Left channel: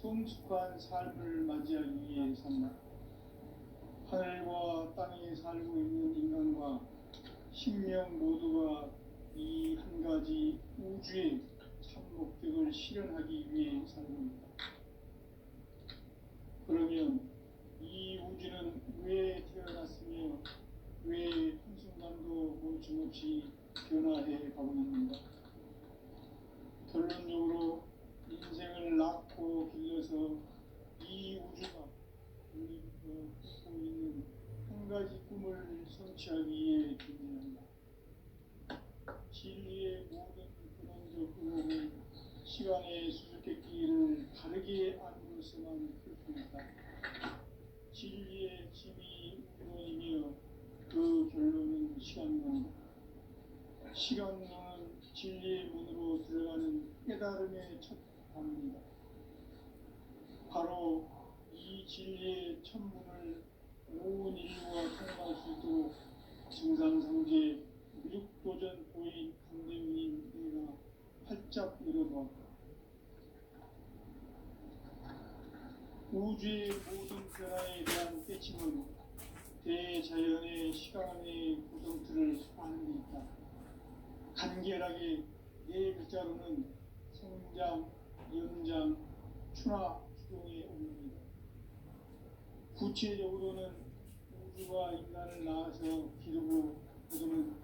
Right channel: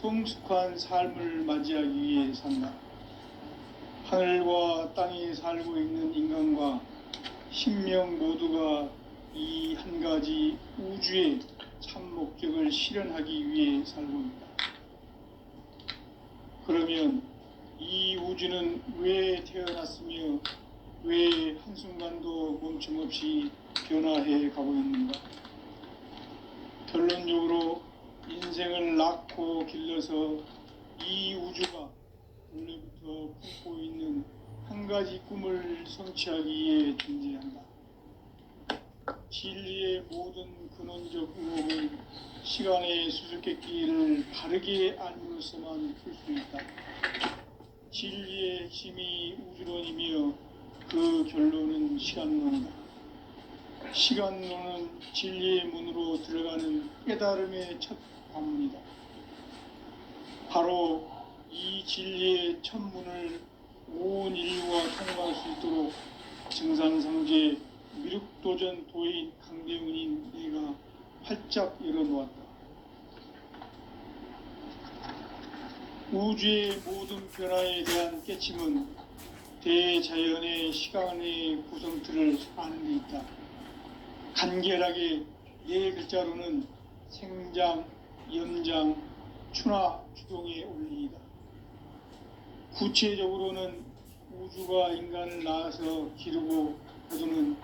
성숙한 삶을 맞이하기 위해 산다. 하늘과 땅에 살고 있는 인간과 신명 모두가 이 한 가지 우주의 참 목적을 실현하기 위해 살고 있다. 그러면 이 우주는 왜 태어났으며 왜 한순간도 멈춤없이 변화해 가고 있는가? 결론적으로 인생을 낳고 길러서 이 우주가 원래부터 품고 있는 한 가지 꿈을 성취하기 위해 존재한다. 진리의 모든 근원적 의혹은 시간의 수수께끼를 바르게 알므로서만 풀 수 있다. 진리의 핵심이 우주론이며 그 결론은 시간론이다. 시간론은 진리의 문으로 들어가는 깨달음의 첫 관문이다. 바로 이 진리의 첫 문을 온 인류가 통과할 수 있도록 증산상제 미륵도전 도인 강대훈인 내가 활짝 열어놓았다. 우주의 모든 변화에 대한 깨침은 대자연의 시간의 구성틀을 아는 데 있다. 간결하게 네 글자로는 생장, 연장, 추나 추동의 원리이다. 구체적으로는 우주가 인간을 낳아서 기르고 거두는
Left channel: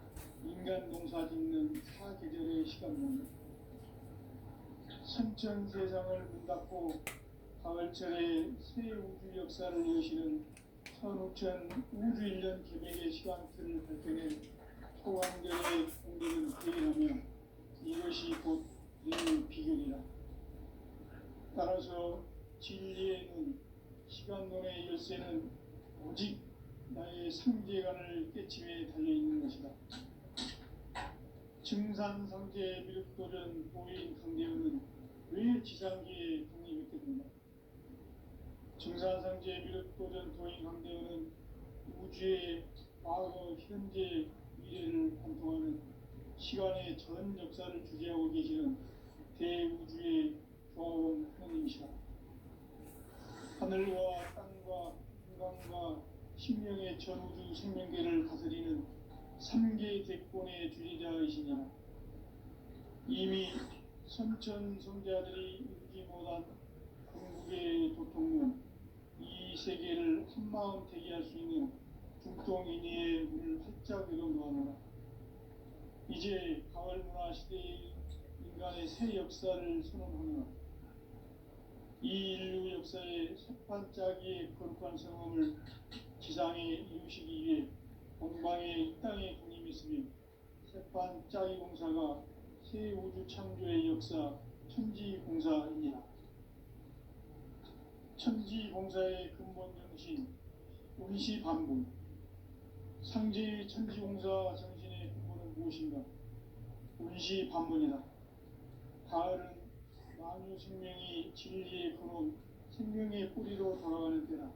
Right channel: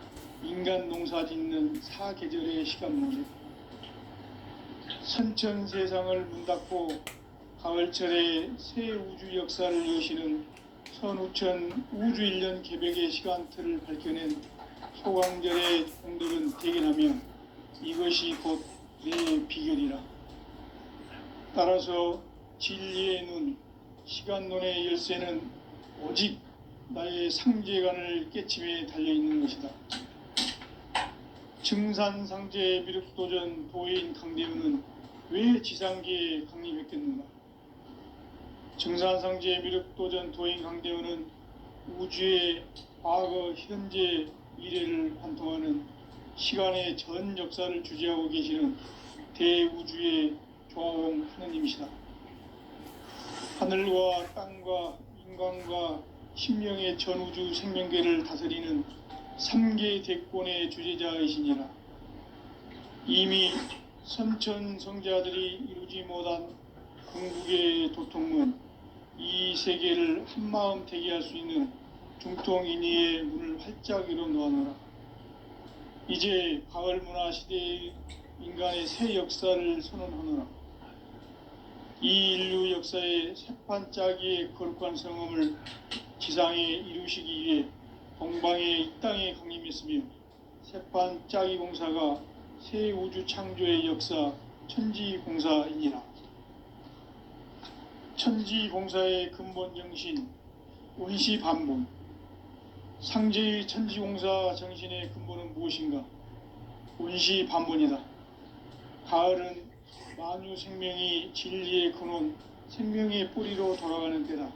인간 농사 짓는 사계절의 시간 모습, 선천 세상을 문 닫고 가을철에 새 우주 역사를 여시는 선우천 우주 1년 개백의 시간틀을 밝혀낸 소강절의 공들은 대견하며 이것이 곧 내 비결이라. 따라서 진리의 눈, 시간론의 열쇠는 오직 나의 상제관을 깨침에 달려있는 것이다. 증산상제 미륵도전 도인 강대훈은 왜 지상계에 강림했겠는가? 증산상제 미륵도전 도인 강대훈은 우주의 과거, 현재, 미래를 관통하는 시간의 전 역사를 주재하고 계시는 대우주의 조화원 하느님이시다. 하늘과 땅과 인간과 신명의 전우주 생명계를 다스리는 3계 대권의 주재자이시니라. 이미 선천성자들이 이루지 못한 궁극의 도통문, 이 세계를 한마음 대기할 수 있는 중통인의의 문을 활짝 열어놓아노라. 이제 가을문화 시대의 인간의 새 역사를 선언하노라. 이 인류 역사의 새판짜기의 거룩한 성험을 지상에 이루시기 위해 동방의 이 땅에 강림했으며 새판짜기 공사가 새 우주 창조의 역사 천지공사이니라. 천지공사의 근본 정신 원시반복, 상제의 천지공사 정신의 근본은 무엇인가? 원시반복이다. 가을은 만유 생명이 진리의 근원, 생명의 뿌리로 돌아가는 때다.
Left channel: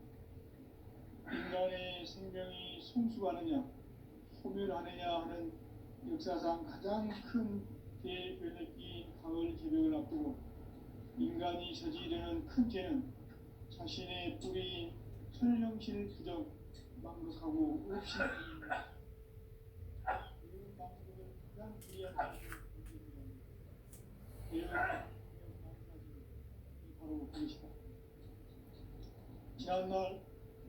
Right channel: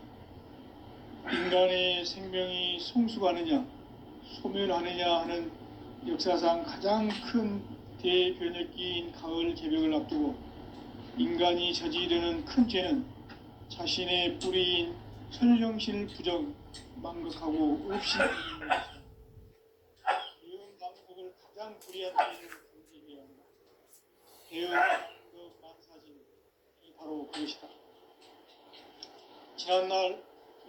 인간의 생명이 성숙하느냐, 소멸하느냐 하는 역사상 가장 큰 대변혁기인 가을 개벽을 앞두고 인간이 저지르는 큰 죄는 자신의 뿌리인 설령실 부정, 망극하고 없이 대응 방법을 가장 불리한 죄를 경쟁해야 한다. 대응 방법 만사진이 바로 그것이다. 지난날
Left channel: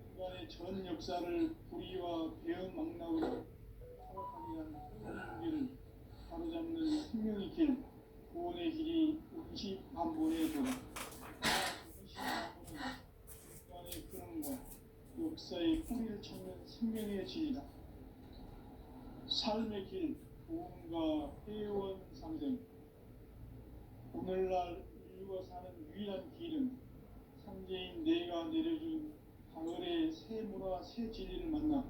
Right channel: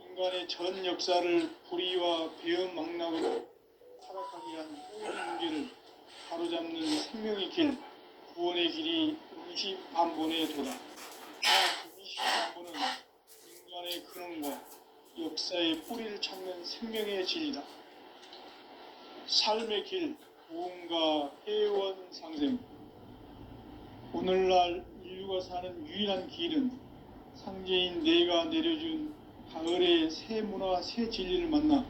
인간의 전 역사를 불의와 배은망락으로 타락하게 한 모든 문제를 바로잡는 생명의 길, 구원의 길이 원시반본의 도다. 원시반본은 인간의 근원과 역사의 뿌리를 찾는 생명의 진리다. 삶의 길, 무언가 해원 상생. 오늘날 인류가 사는 유일한 길은 상제인 내가 내려준 가을의 새 문화, 새 진리를 만나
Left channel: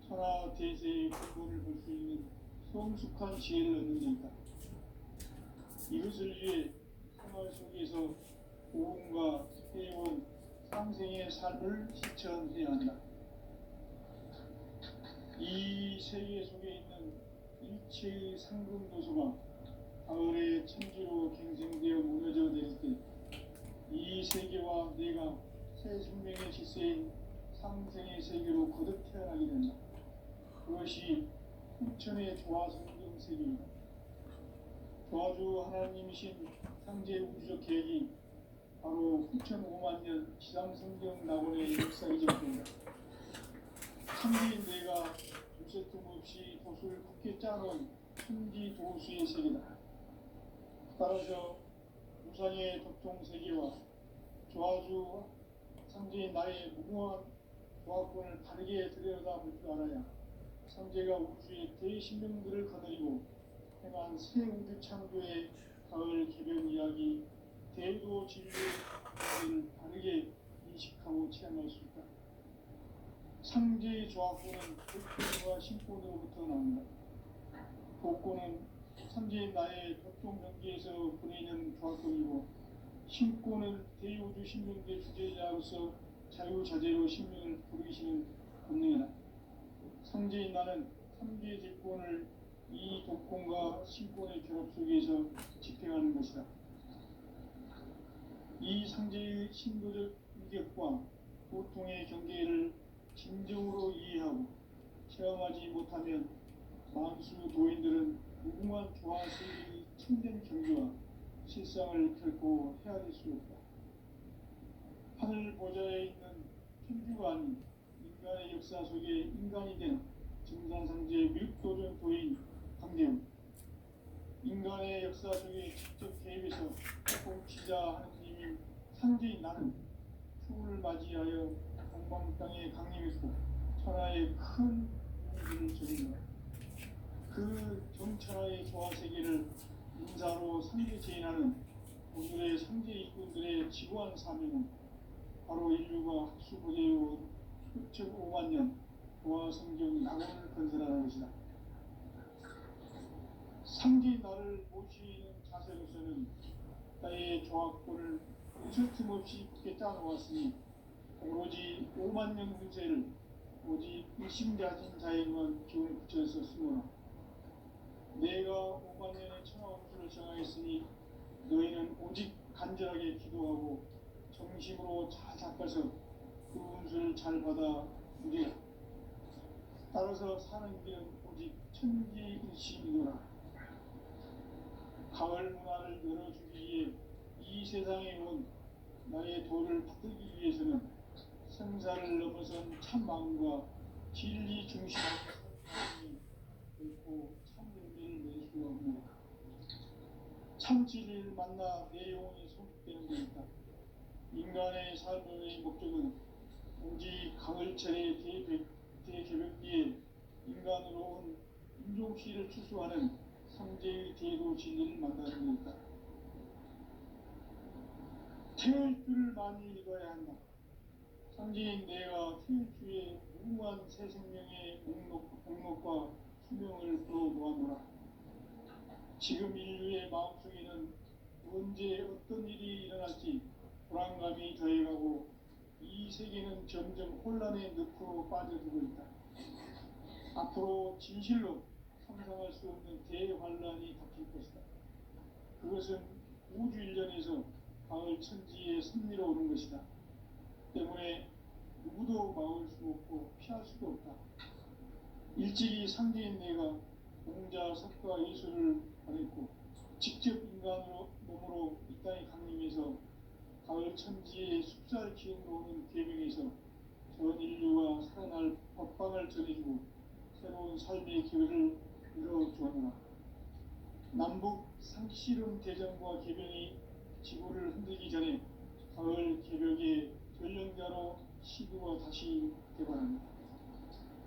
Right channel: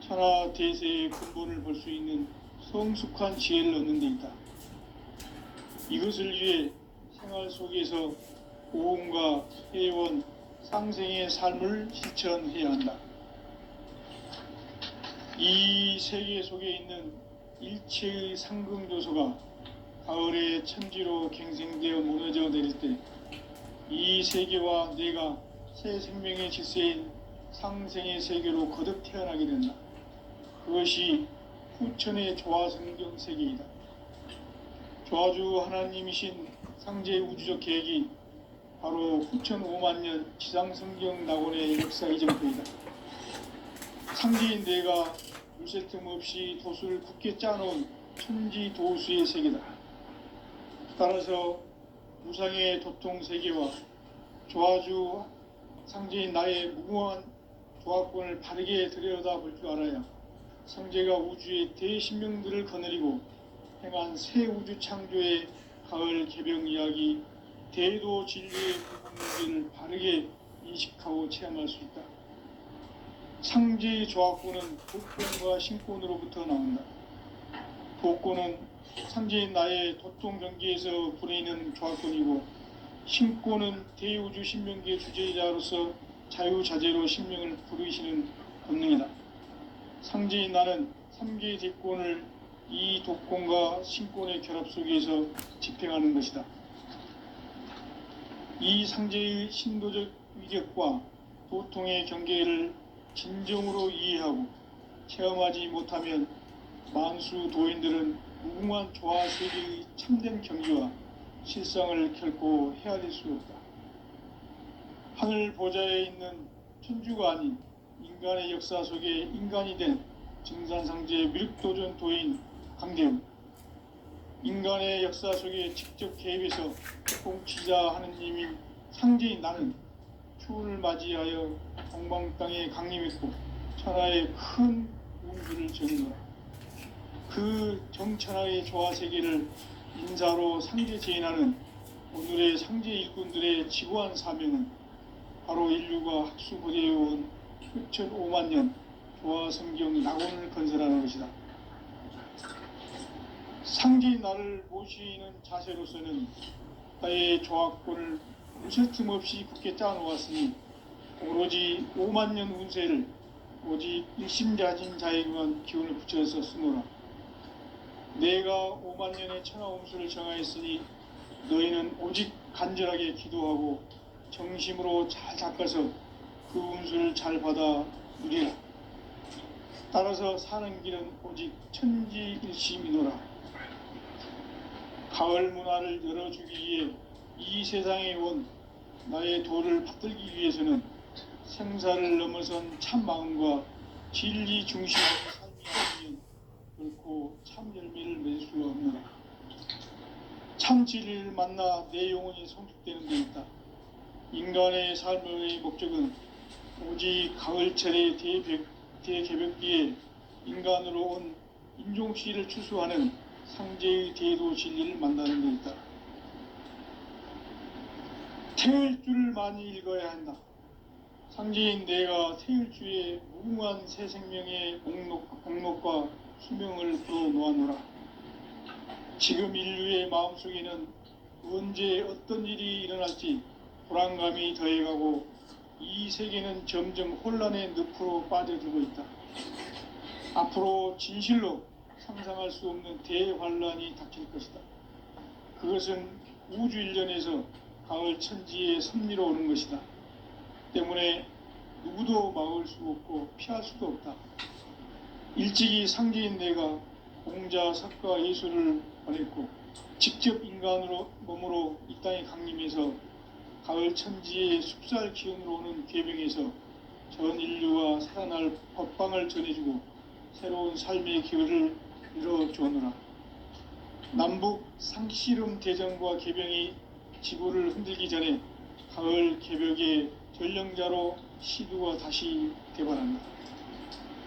천하 대세의 근본을 볼 수 있는 성숙한 지혜를 얻는 데 있다. 이것을 위해 생활 속에서 고음과 회원, 상생의 삶을 실천해야 한다. 이 세계 속에 있는 일체의 상승조소가 가을의 천지로 갱생되어 무너져 내릴 때 이 이 세계와 내가 새 생명의 질서인 상생의 세계로 거듭 태어나게 된다. 그것이 후천의 조화성경 세계이다. 조화주 하나님이신 상제 우주적 계획이 바로 후천 5만 년 지상성경 낙원의 역사 이전부이다. 상제인 내가 물새 틈 없이 도수를 굳게 짜놓은 천지 도수의 세계다. 따라서 무상의 도통 세계와 조화주 상제인 나의 무궁한 조화권을 바르게 들여다볼 줄 알아야 상제가 우주의 대신명들을 거느리고 행한 새 우주 창조의 가을 개병 이야기 대도 진리의 문제를 바르게 인식하고 체험할 수 있다. 상제의 조화권은 도권과 신권으로부터 나온다. 도권은 상제인 나의 도통 경계에서 보내는 조화권이고, 신권은 대우주 신명기의 주제자로서 자유자재로 신명을 부르시는 권능이다. 상제인 나는 3개의 대권을 이 도권과 신권의 결합 속에서 집행하는 것이다. 이 상제의 신도적 위격과 도통의 경계를 진정으로 이해하고 체험하지 못하면 만수 도인들은 무궁한 조화 세계의 참된 경지와 실상을 결코 헤아릴 수 없다. 하늘 보좌에 있는 천주가 아닌 인간의 역사 속에 인간이 된 증산상제의 미륵도전 도인 강대웅, 인간의 역사 속에 직접 개입해서 공치자 하느님인 상제인 나는 추운을 맞이하여 동방 땅에 강림했고 천하의 큰 운수를 정의하라. 그 정천하의 조화 세계를 인사로 상제 제인하는 오늘의 상제 일꾼들의 지고한 사명은 바로 인류가 학수고대해온 후천 5만 년 조화 성경 낙원을 건설하는 것이다. 상제인 나를 모시는 자세로서는 나의 조화권을 무쇠 틈 없이 굳게 짜놓았으니 오로지 5만 년 운세를 오직 일심자진 자에게만 기운을 붙여서 쓰노라. 내가 5만 년의 천하음수를 정하였으니 너희는 오직 간절하게 기도하고 정심으로 잘 닦아서 그 운수를 잘 받아 누리라. 따라서 사는 길은 오직 천지일심이노라. 가을 문화를 열어주기 위해 이 세상에 온 나의 도를 받들기 위해서는 생사를 넘어선 참 마음과 진리 중심의 삶이 아니면 결코 참 열매를 맺을 수 없노라. 참 진리를 만나 내 영혼이 성숙되는 데 있다. 인간의 삶의 목적은 오직 가을철의 대개벽기에 인간으로 온 인종씨를 추수하는 상제의 대도 진리를 만나는 데 있다. 태을 줄을 많이 읽어야 한다. 상제인 내가 태을주의 무궁한 새 생명의 공록과 수명을 풀어놓았노라. 지금 인류의 마음속에는 언제 어떤 일이 일어날지 불안감이 더해가고 이 세계는 점점 혼란의 늪으로 빠져들고 있다. 앞으로 진실로 상상할 수 없는 대환란이 닥칠 것이다. 그것은 우주 일련에서 가을 천지의 섭리로 오는 것이다. 때문에 누구도 막을 수 없고 피할 수도 없다. 일찍이 상제인 내가 공자, 석가, 예수를 보냈고 직접 인간으로 몸으로 이 땅에 강림해서 가을 천지의 숲살 기운으로 오는 계명에서 전 인류와 살아날 법방을 전해주고 새로운 삶의 기회를 이뤄주었노라. 남북 상씨름 대전과 개병이 지구를 흔들기 전에 가을 개벽의 전령자로 시두가 다시 대발한다.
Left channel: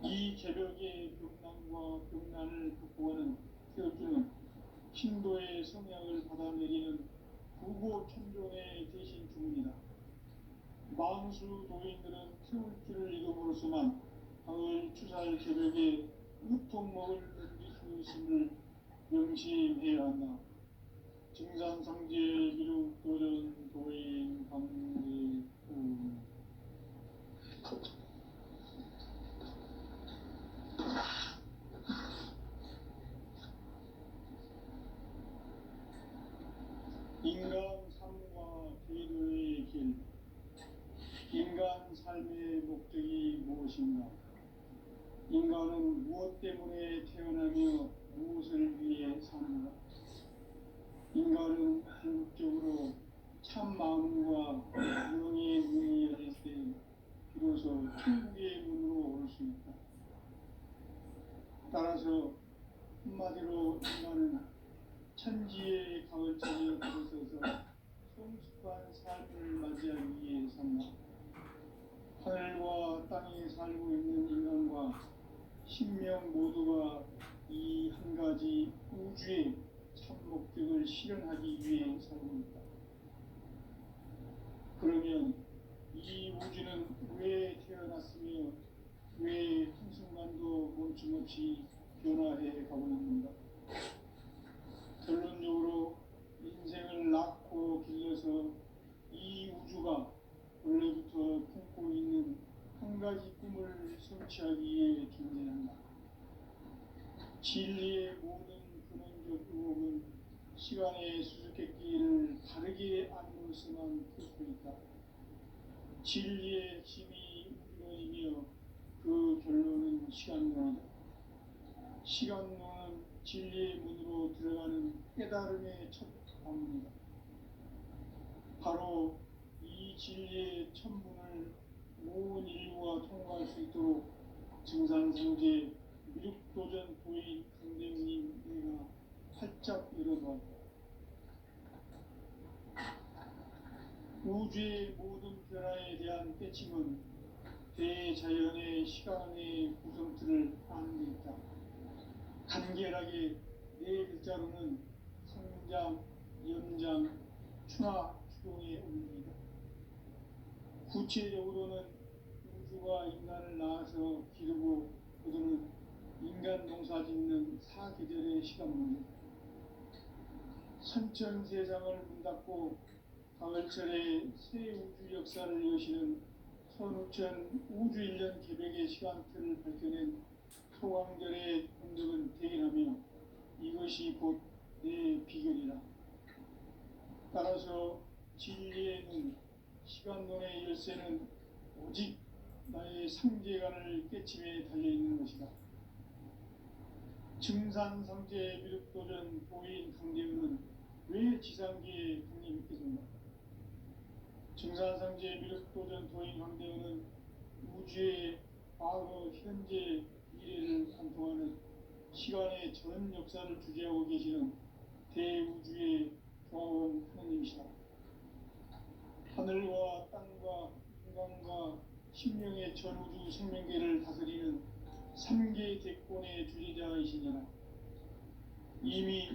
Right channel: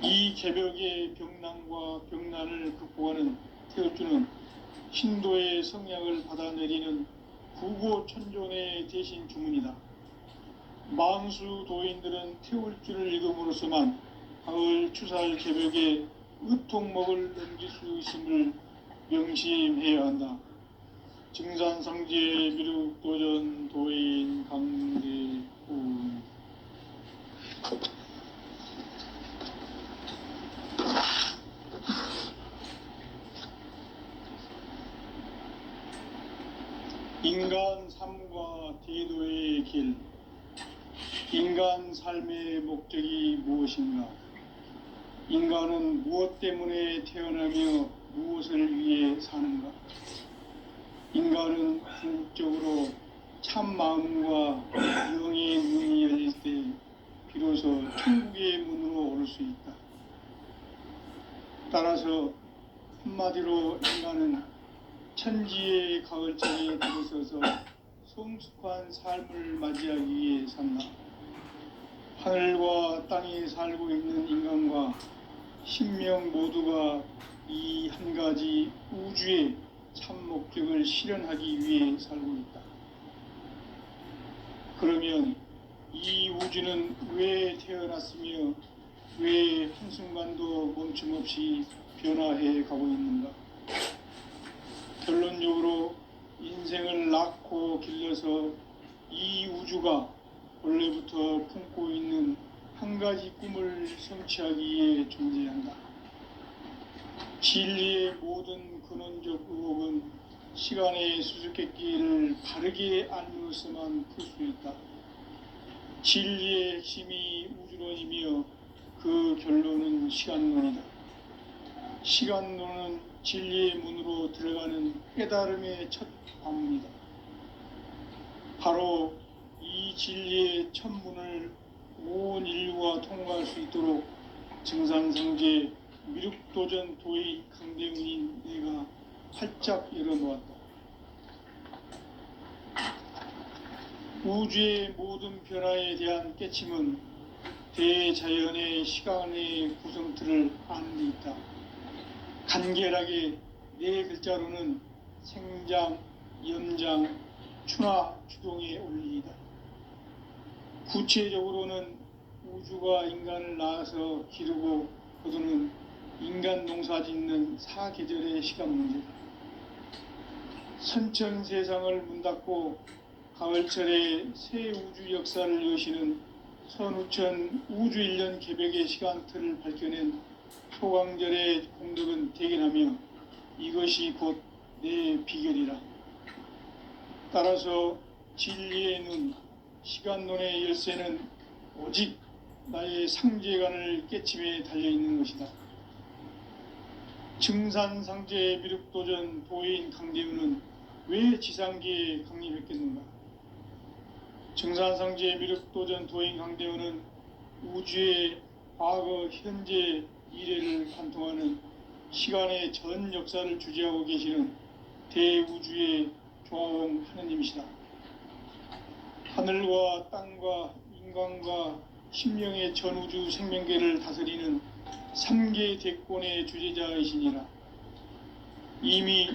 이 개벽의 병난과 병난을 극복하는 태울주는 신도의 성향을 받아내리는 구고천존의 대신 주문이다. 만수 도인들은 태울주를 읽음으로써만 가을 추살 개벽의 의통목을 넘길 수 있음을 명심해야 한다. 증산상제 미륵도전 도인 강대훈. 인간 삶과 대도의 길. 인간 삶의 목적이 무엇인가? 인간은 무엇 때문에 태어나며 무엇을 위해 사는가? 인간은 궁극적으로 참 마음과 영의 문이 열릴 때 비로소 천국의 문으로 오를 수 있다. 따라서 한마디로 인간은 천지의 가을장에 들어서서 성숙한 삶을 맞이하기 위해 산다. 하늘과 땅에 살고 있는 인간과 신명 모두가 이 한 가지 우주의 참 목적을 실현하기 위해 살고 있다. 그러면 이 우주는 왜 태어났으며 왜 한순간도 멈춤없이 변화해 가고 있는가? 결론적으로 인생을 낳고 길러서 이 우주가 원래부터 품고 있는 한 가지 꿈을 성취하기 위해 존재한다. 진리의 모든 근원적 의혹은 시간의 수수께끼를 바르게 알므로서만 풀 수 있다. 진리의 핵심이 우주론이며 그 결론은 시간론이다. 시간론은 진리의 문으로 들어가는 깨달음의 첫 관문이다. 바로 이 진리의 첫 문을 온 인류가 통과할 수 있도록 증산성제 미륵도전 도의 강대문인 내가 활짝 열어놓았다. 우주의 모든 변화에 대한 깨침은 대자연의 시간의 구성틀을 아는 데 있다. 간결하게 네 글자로는 생장, 연장, 추나 추동의 원리이다. 구체적으로는 우주가 인간을 낳아서 기르고 거두는 인간 농사 짓는 사계절의 시간 문제다. 선천 세상을 문 닫고 가을철에 새 우주 역사를 여시는 선우천 우주 1년 개벽의 시간틀을 밝혀낸 소강절의 공덕은 대견하며 이것이 곧 내 비결이라. 따라서 진리의 눈, 시간론의 열쇠는 오직 나의 상제관을 깨침에 달려있는 것이다. 증산상제 미륵도전 도인 강대우는 왜 지상계에 강림했겠는가? 증산상제 미륵도전 도인 강대우는 우주의 과거, 현재, 미래를 관통하는 시간의 전 역사를 주재하고 계시는 대우주의 조화원 하느님이시다. 하늘과 땅과 인간과 심령의 전우주 생명계를 다스리는 3계 대권의 주재자이시니라. 이미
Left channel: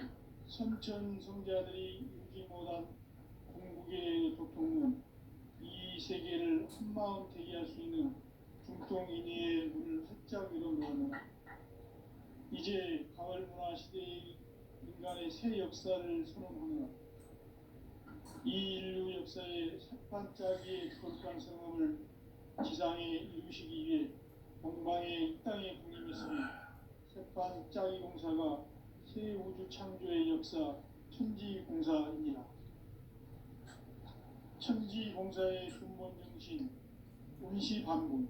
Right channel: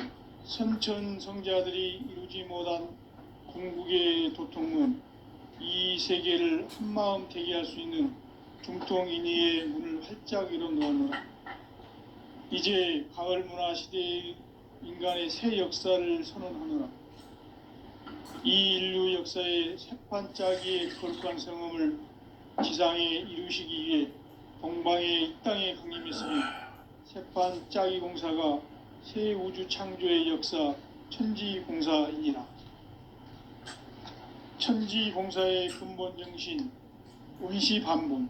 선천성자들이 이루지 못한 궁극의 도통문, 이 세계를 한마음 되게 할 수 있는 중통인의의 문을 활짝 열어놓았노라. 이제 가을 문화 시대의 인간의 새 역사를 선언하노라. 이 인류 역사의 새판짜기의 거룩한 성음을 지상에 이루시기 위해 동방의 이 땅에 강림했으며 새판짜기 공사가 새 우주 창조의 역사 천지공사이니라. 천지공사의 근본 정신 원시반본.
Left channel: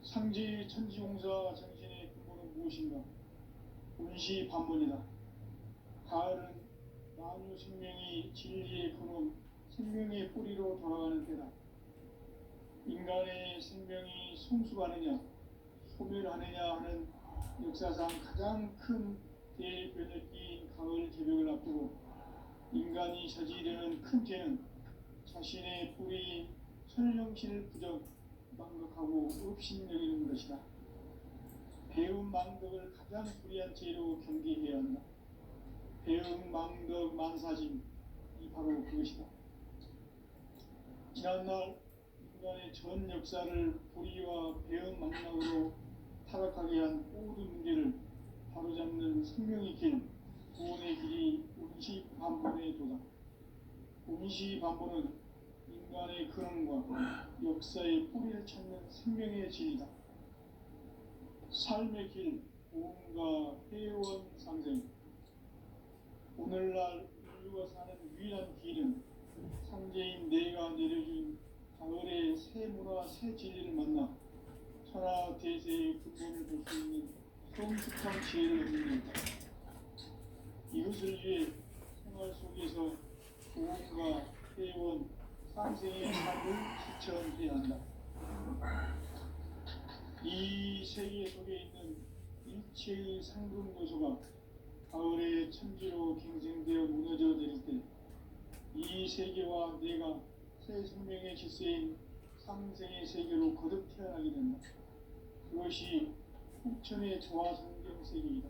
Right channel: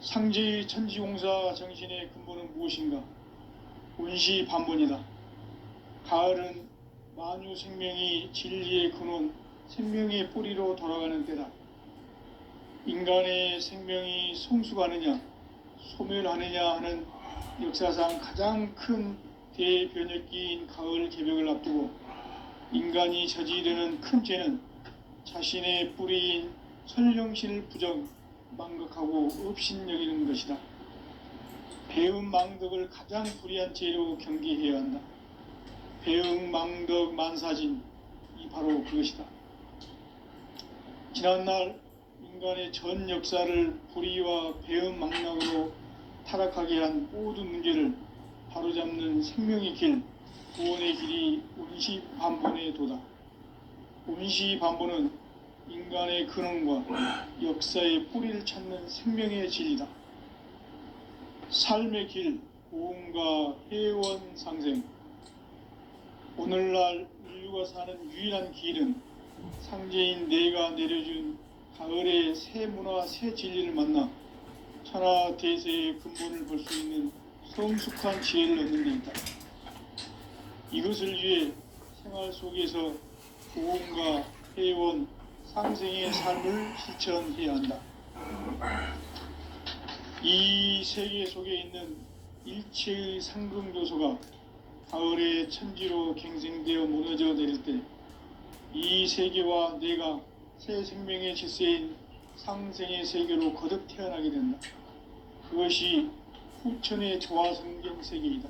상제의 천지공사 정신의 근본은 무엇인가? 원시반본이다. 가을은 만유 생명이 진리의 근원, 생명의 뿌리로 돌아가는 때다. 인간의 생명이 성숙하느냐, 소멸하느냐 하는 역사상 가장 큰 대변혁기인 가을 개벽을 앞두고 인간이 저지르는 큰 죄는 자신의 뿌리인 설령신을 부정, 망각하고 업신여기는 것이다. 배움 망덕을 가장 불의한 죄로 경계해야 한다. 배움 망덕 만사진, 이 바로 그것이다. 지난날 인간의 전 역사를 불의와 배움 망락으로 타락하게 한 모든 문제를 바로잡는 생명의 길, 구원의 길이 원시반본의 도다. 원시반본은 인간의 근원과 역사의 뿌리를 찾는 생명의 진리다. 삶의 길, 고음과 회원 상생. 오늘날 인류가 사는 유일한 길은 상제인 내가 내려준 가을의 새 문화 새 진리를 만나 천하 대세의 근본을 볼 수 있는 성숙한 지혜를 얻는 데이다. 이것을 위해 생활 속에서 보험과 회원, 상생의 삶을 실천해야 한다. 이 세계 속에 있는 일체의 상승 요소가 가을의 천지로 갱생되어 무너져 내릴 때 이 세계와 내가 새 생명의 질서인 상생의 세계로 거듭 태어나게 된다. 그것이 후천의 조화성경 세계이다.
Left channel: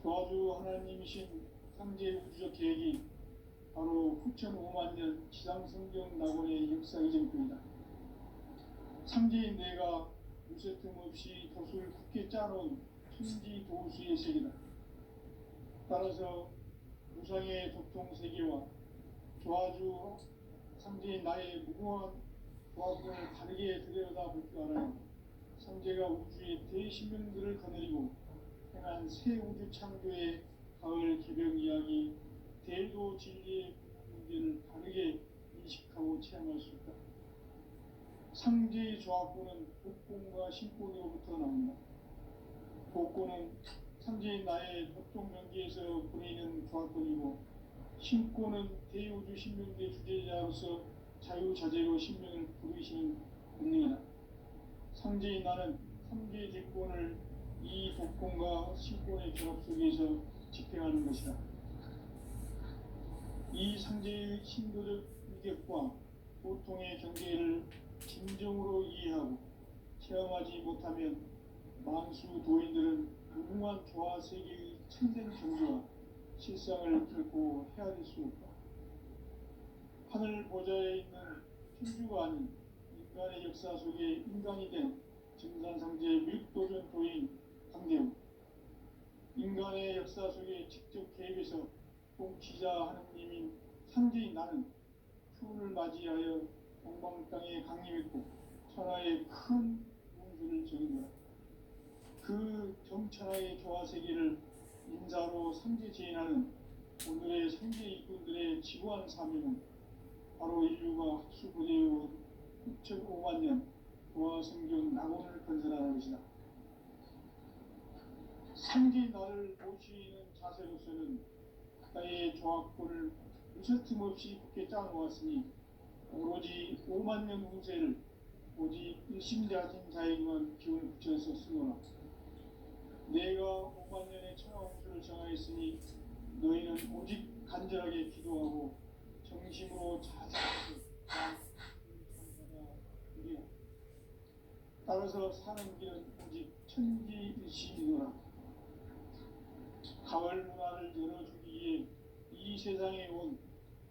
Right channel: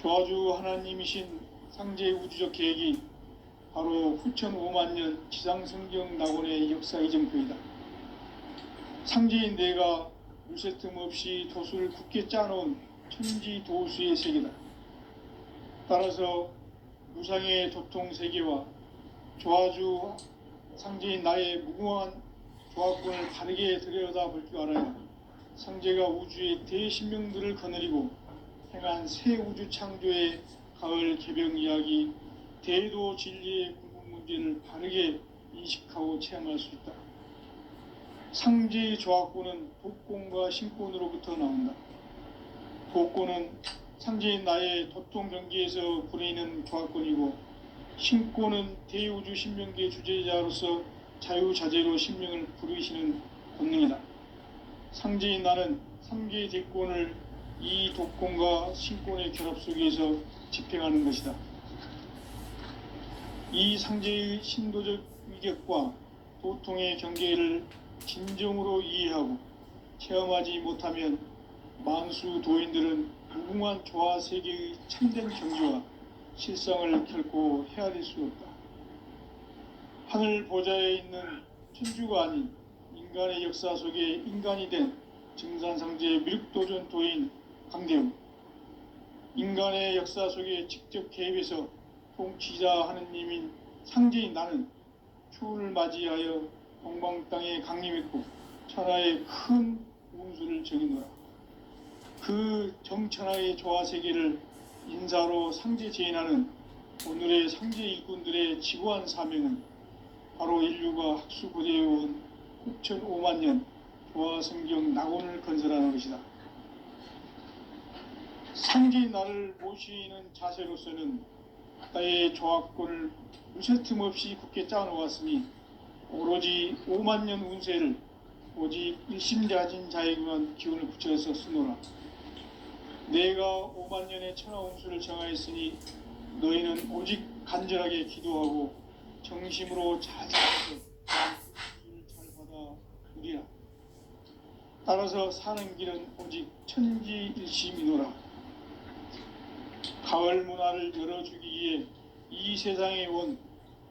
조화주 하나님이신 상제의 우주적 계획이 바로 후천 5만 년 지상성경 낙원의 역사 이정표이다. 상제인 내가 무쇠 틈 없이 도수를 굳게 짜놓은 천지 도수의 세계다. 따라서 무상의 도통 세계와 조화주 상제인 나의 무궁한 조화권을 바르게 들여다볼 줄 알아야 상제가 우주의 대신명들을 거느리고 행한 새 우주 창조의 가을 개병 이야기 대도 진리의 궁극 문제를 바르게 인식하고 체험할 수 있다. 상제의 조화권은 독권과 신권으로부터 나온다. 독권은 상제인 나의 도통 경계에서 부리는 조화권이고, 신권은 대우주 신명계 주제자로서 자유자재로 신명을 부르시는 본능이다. 상제인 나는 3개의 대권을 이 독권과 신권의 결합 속에서 집행하는 것이다. 이 상제의 신도적 위격과 도통의 경계를 진정으로 이해하고 체험하지 못하면 만수 도인들은 무궁한 조화 세계의 참된 경지와 실상을 결코 헤아릴 수 없다. 하늘 보좌에 있는 천주가 아닌 인간의 역사 속에 인간이 된 증산상제의 미륵도전 도인 강대우, 인간의 역사 속에 직접 개입해서 통치자 하느님인 상제인 나는 추운을 맞이하여 동방 땅에 강림했고 천하의 큰 운수를 정의노라. 그 정천하의 조화세계를 인사로 상제 제인하는 오늘의 상제 일꾼들의 지구한 사명은 바로 인류가 학수고대해온 후천 5만 년 조화성경 낙원을 건설하는 것이다. 상제인 나를 모시는 자세로서는 나의 조화권을 무쇠 틈 없이 굳게 짜놓았으니 오로지 5만 년 운세를 오직 일심자진 자에게만 기운을 붙여서 쓰노라. 내가 5만 년의 천하 운수를 정하였으니 너희는 오직 간절하게 기도하고 정심으로 잘 살아서 운수를 잘 받아 누리라. 따라서 사는 길은 오직 천지일심이노라. 가을 문화를 열어주기 위해 이 세상에 온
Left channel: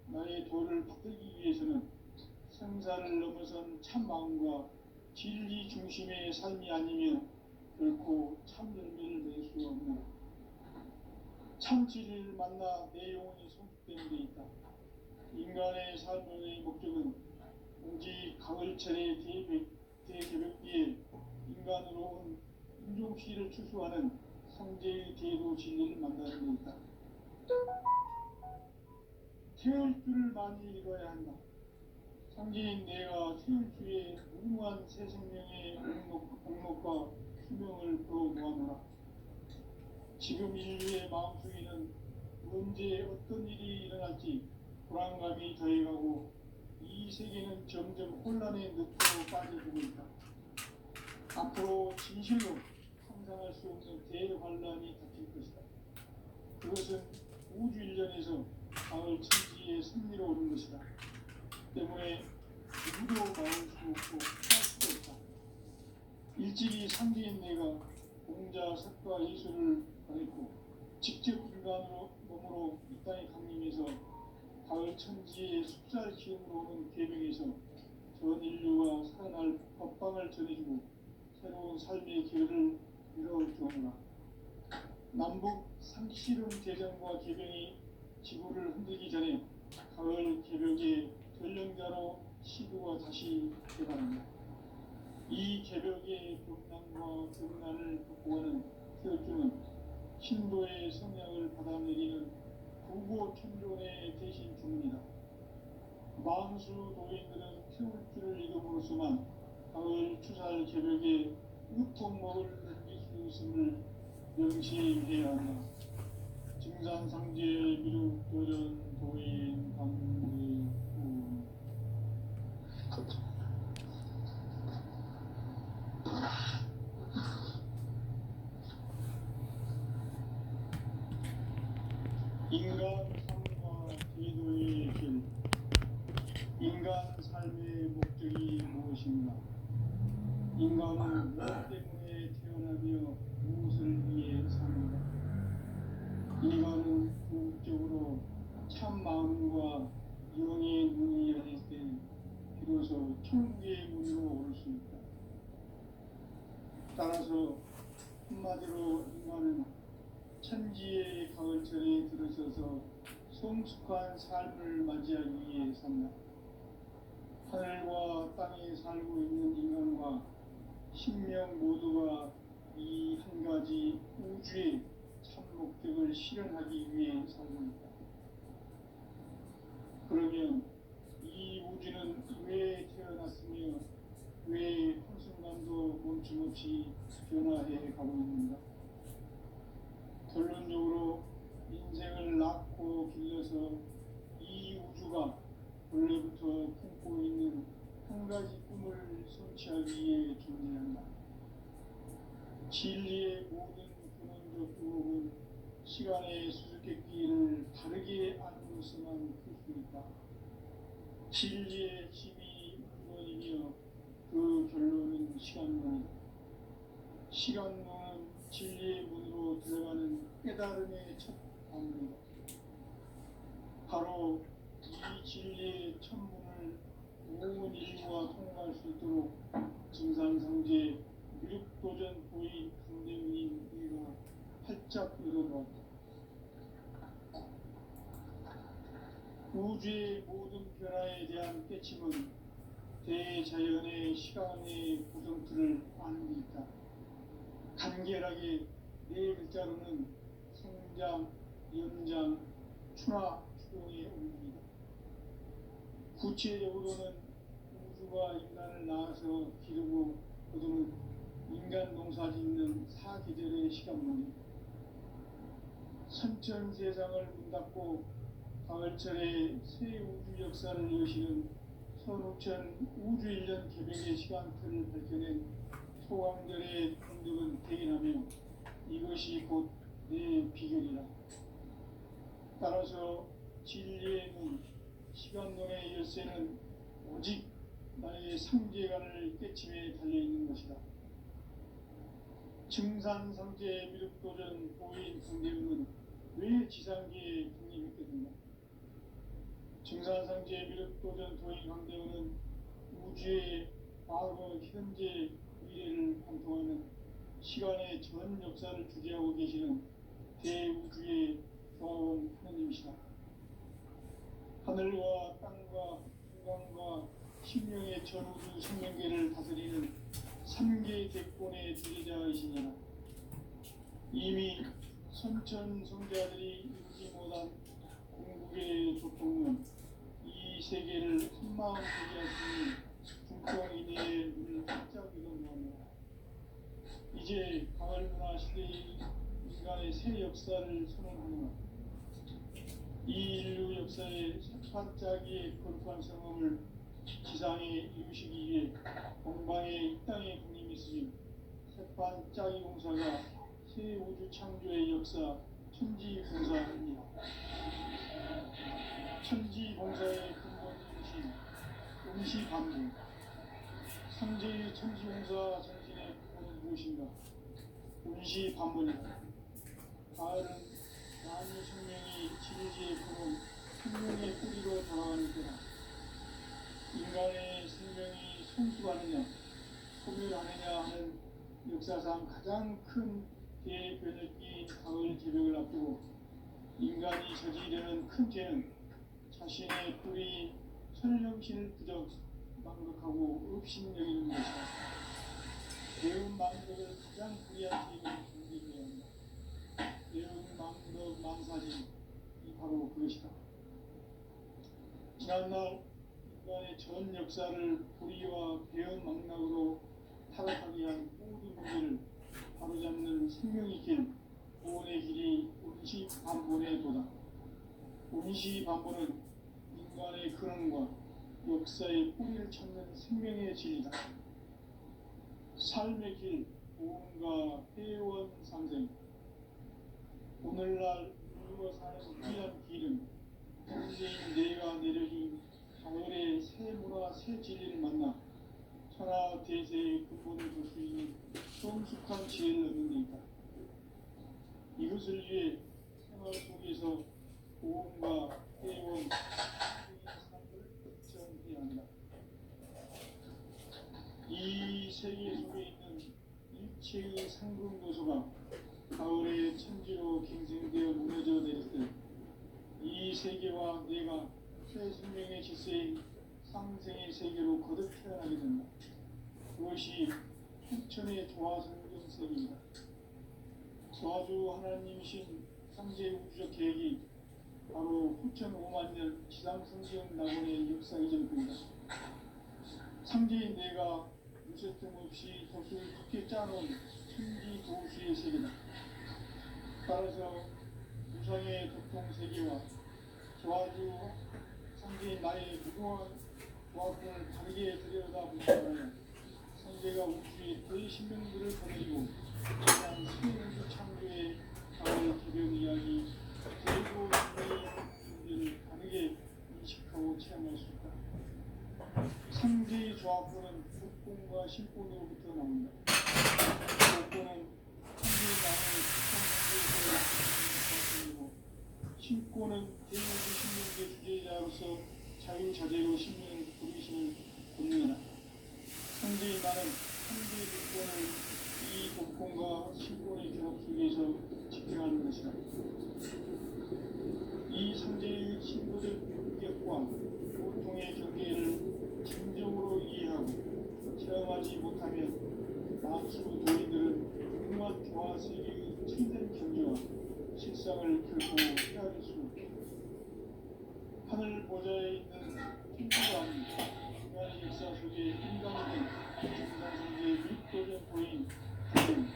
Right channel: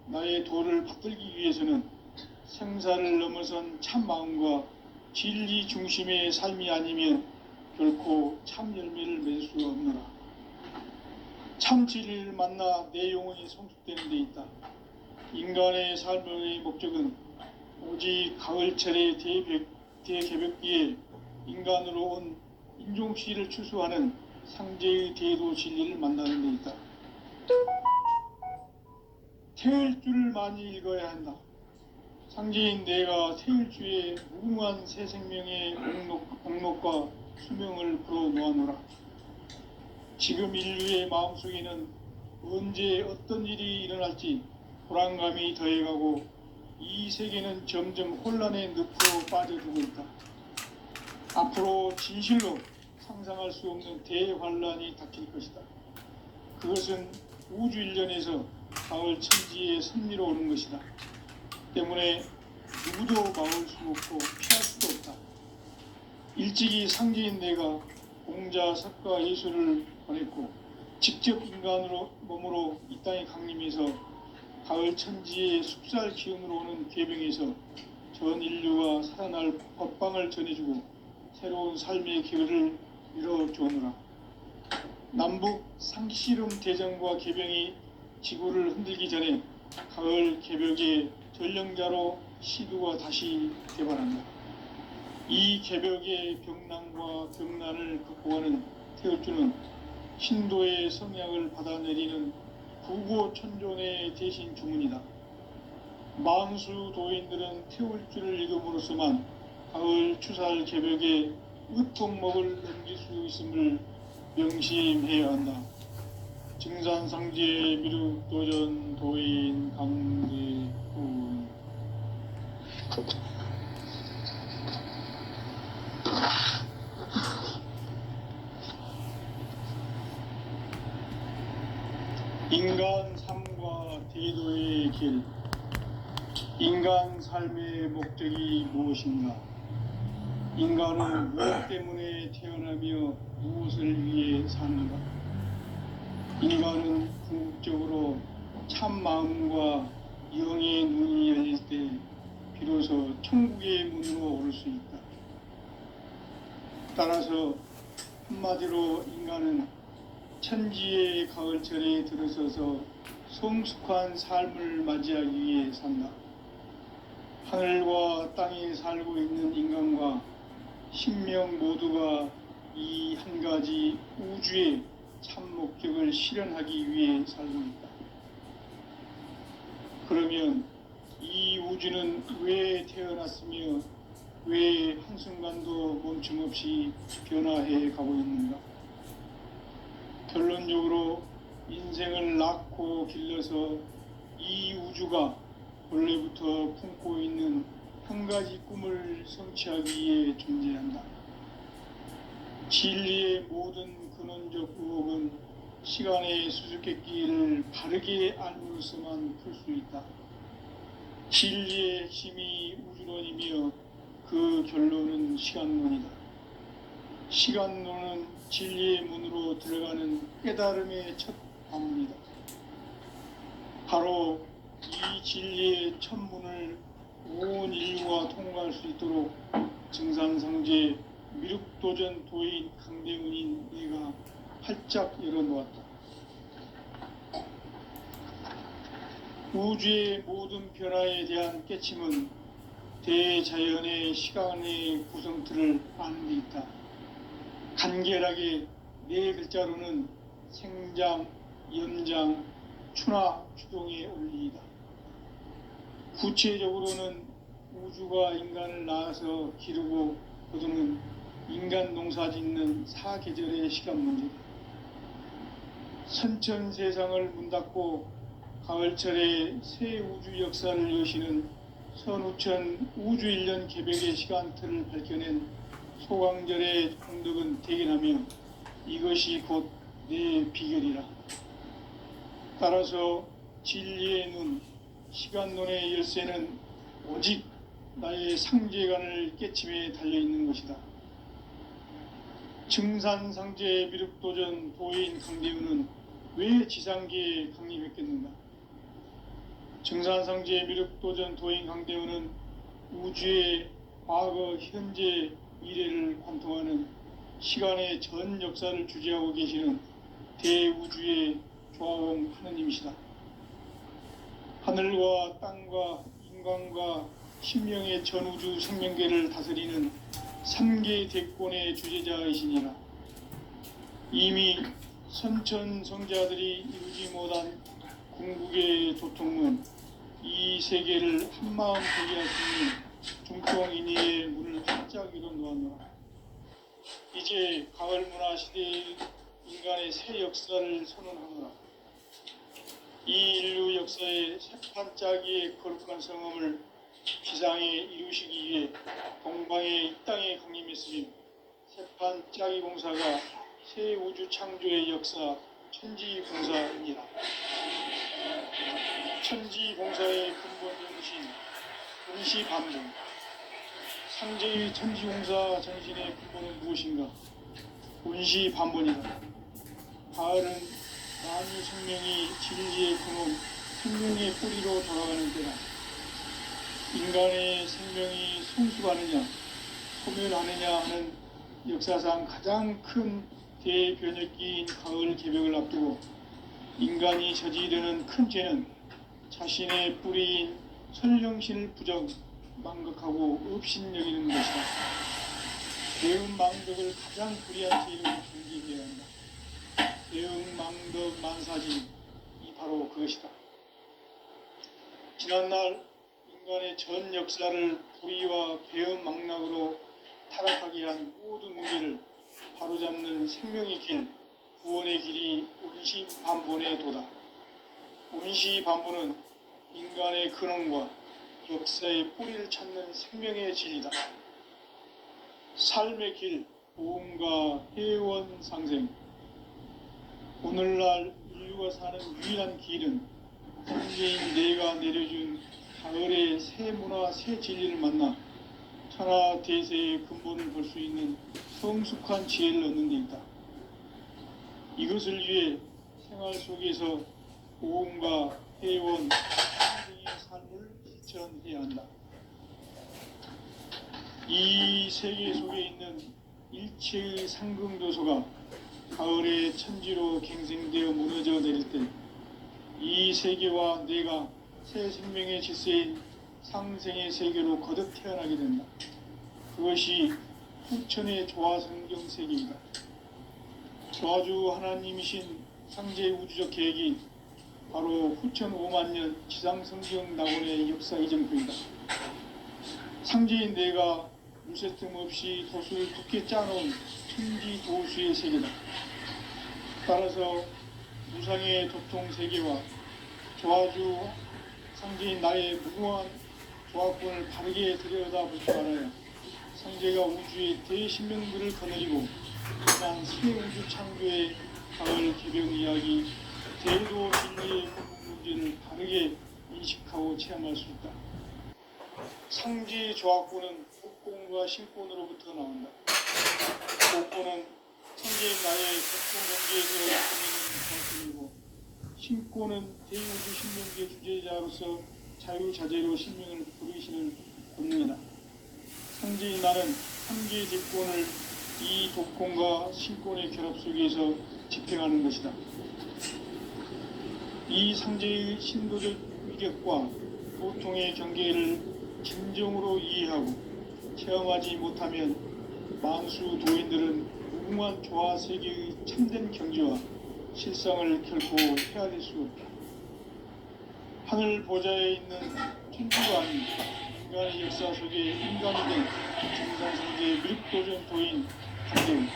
나의 도를 받들기 위해서는 생사를 넘어선 참 마음과 진리 중심의 삶이 아니면 결코 참 열매를 맺을 수 없노라. 참 진리를 만나 내 영혼이 성숙되는 데 있다. 인간의 삶의 목적은 오직 가을철의 대개벽기에 인간으로 온 인종시를 추수하는 상제의 대도 진리를 만나는 데 있다. 태일주를 많이 읽어야 한다. 상제인 내가 태일주의 무궁한 새 생명의 목록과 수명을 풀어놓아노라. 지금 인류의 마음속에는 언제 어떤 일이 일어날지 불안감이 더해가고 이 세계는 점점 혼란의 늪으로 빠져들고 있다. 앞으로 진실로 상상할 수 없는 대환란이 닥칠 것이다. 그것은 우주 일련에서 가을 천지의 섭리로 오는 것이다. 때문에 누구도 막을 수 없고 피할 수도 없다. 일찍이 상제인 내가 공자, 석가, 예수를 보냈고 직접 인간으로 몸으로 이 땅에 강림해서 가을 천지의 숲살 기운으로 오는 계병에서 전 인류가 살아날 법방을 전해주고 새로운 삶의 기회를 이뤄주오노라. 남북 상씨름 대전과 계병이 지구를 흔들기 전에 가을 개벽의 전령자로 시두가 다시 개발한다. 이 개벽의 병난과 병난을 극복하는 태어주는 신도의 성향을 받아내리는 부고천존의 대신 주문이다. 만수 도인들은 태울 줄을 익음으로써만 가을 추살 개벽에 으통목을 넘길 수 있음을 명심해야 한다. 증산상제 미륵도전 도인 강대훈. 인간 삶과 대도의 길. 인간 삶의 목적이 무엇인가? 인간은 무엇 때문에 태어나며 무엇을 위해 사는가? 인간은 궁극적으로 참 마음과 영의 눈이 열릴 때 비로소 천국의 문으로 오를 수 있다. 따라서 한마디로 인간은 천지의 가을철에 들어서서 성숙한 삶을 맞이하기 위해 산다. 하늘과 땅에 살고 있는 인간과 신명 모두가 이 한 가지 우주의 참 목적을 실현하기 위해 살고 있다. 그러면 이 우주는 왜 태어났으며 왜 한순간도 멈춤없이 변화해 가고 있는가? 결론적으로 인생을 낳고 길러서 이 우주가 원래부터 품고 있는 한 가지 꿈을 성취하기 위해 존재한다. 진리의 모든 근원적 의혹은 시간의 수수께끼를 바르게 알므로서만 풀 수 있다. 진리의 핵심이 우주론이며 그 결론은 시간론이다. 시간론은 진리의 문으로 들어가는 깨달음의 첫 방문이다. 바로 이 진리의 첫 문을 온 인류가 통과할 수 있도록 증산상제 미륵도전 도인 강대훈인 내가 활짝 열어놓았다. 우주의 모든 변화에 대한 깨침은 대자연의 시간의 구성틀을 아는 데 있다. 간결하게 네 글자로는 생장, 연장, 추나 추동의 원리이다. 구체적으로는 우주가 인간을 낳아서 기르고 거두는 인간 농사 짓는 사계절의 시간 문제다. 선천 세상을 문 닫고 가을철에 새 우주 역사를 여시는 선우천 우주 1년 개벽의 시간틀을 밝혀낸 소강절의 공덕은 대견하며 이것이 곧 내 비결이라. 따라서 진리의 눈, 시간론의 열쇠는 오직 나의 상제관을 깨침에 달려있는 것이다. 증산상제 미륵도전 도인 강대훈은 왜 지상계에 강림했겠는가? 증산상제 미륵도전 도인 강대훈은 우주의 과거, 현재, 미래를 관통하는 시간의 전 역사를 주재하고 계시는 대우주의 조화원 하느님이시다. 하늘과 땅과 인간과 신명의 전우주 생명계를 다스리는 3개 대권의 주재자이시니라. 이미 선천성자들이 이루지 못한 궁극의 도통은 이 세계를 한마음 되게 할 수 있는 중통인의의 문을 활짝 열어놓았노라. 이제 가을 문화 시대의 인간의 새 역사를 선언하노라. 이 인류 역사의 새판짜기의 거룩한 성험을 지상에 이루시기 위해 동방의 이 땅에 강림했으니 새판짜기 공사가 새 우주 창조의 역사 천지봉사입니다. 천지봉사의 근본 정신 운시반등. 상제의 천지공사 정신의 근본은 무엇인가? 운시반본이다. 가을은 만유 생명이 진리의 근원, 생명의 뿌리로 돌아가는 때다. 인간의 생명이 성숙하느냐, 소멸하느냐 하는 역사상 가장 큰 대변혁기인 가을 개벽을 앞두고 인간이 저지르는 큰 죄는 자신의 뿌리인 선령신을 부정, 망극하고 업신여기는 것이다. 대응망덕을 가장 불의한 죄로 경계해야 한다. 대응망덕 만사지 이 바로 그것이다. 지난날 인간의 전 역사를 불의와 배은망락으로 타락하게 한 모든 문제를 바로잡는 생명의 길, 구원의 길이 운시반본의 도다. 운시반본은 인간의 근원과 역사의 뿌리를 찾는 생명의 진리다. 삶의 길, 보험과 회원 상생. 오늘날 인류가 사는 유일한 길은 현재인 내가 내려준 가을의 새 문화, 새 진리를 만나 천하 대세의 근본을 볼 수 있는 성숙한 지혜를 얻는 데 있다. 이것을 위해 생활 속에서 보험과 회원, 상생의 삶을 실천해야 한다. 이 세계 속에 있는 일체의 상승도소가 가을의 천지로 갱생되어 무너져 내릴 때 이 세계와 내가 새 생명의 질서인 상생의 세계로 거듭 태어나게 된다. 그것이 후천의 조화성경 세계이다. 조화주 하나님이신 상제 우주적 계획이 바로 후천 5만 년 지상성경 낙원의 역사 이정표이다. 상제인 내가 무쇠틈 없이 도수를 두께 짜놓은 천지 도수의 세계다. 따라서 무상의 도통 세계와 조화주 상제인 나의 무궁한 조화권을 바르게 들여다보지 말아야 상제가 우주의 대신명들을 거느리고 그만 새 우주 창조의 가을 개병 이야기 대도 진리의 문제를 바르게 인식하고 체험할 수 있다. 상제의 조화권은 복권과 신권으로부터 나온다. 복권은 상제인 나의 도통 문제에서 신권은 대우주 신명계 주제자로서 자유자재로 신명을 부르시는 본능이다. 상제인 나는 상제의 대권을 이 독권과 신권의 결합 속에서 집행하는 것이다. 이 상제의 신도적 위력과 보통의 경계를 진정으로 이해하고 체험하지 못하면 만수 도인들은 무궁한 조화 세계의 참된 경지와 실상을 결코 헤아릴 수 없다. 하늘 보좌에 있는 천주가 아닌 인간의 역사 속에 인간이 된 정상세계의 밀도전 도인 하늘,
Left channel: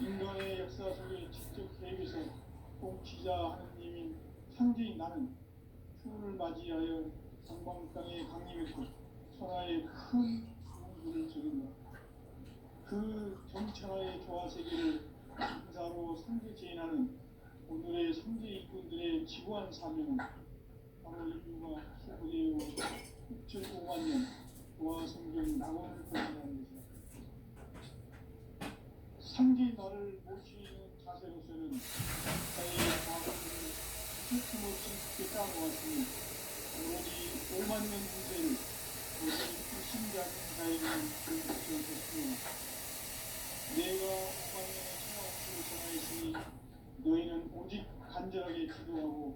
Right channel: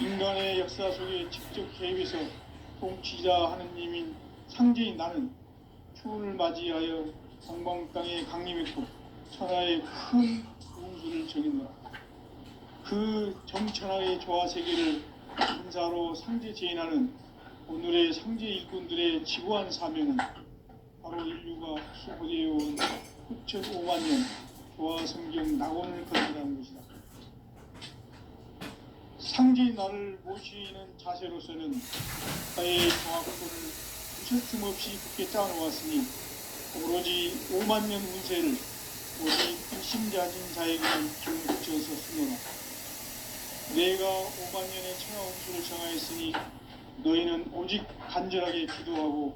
인간의 역사 속에 직접 개입해서 통치자 하느님인 상제인 나는 추운을 맞이하여 성방 땅에 강림했고 천하의 큰 운수를 정했노라. 그 정천하의 조화 세계를 인사로 상제 제인하는 오늘의 상제 일꾼들의 지구한 사명은 바로 인류가 수고되어온 후천 5만 년 조화 성경 낙원을 건너가는 것이다. 상제인 나를 모시는 자세로서는 나의 조화권을 무슨 없이 굳게 짜놓았으니 오로지 5만 년 운세를 오직 일심자진 자에게만 기운 붙여서 쓰노라. 내가 5만 년의 천하 운수를 정하였으니 너희는 오직 간절하게 기도하고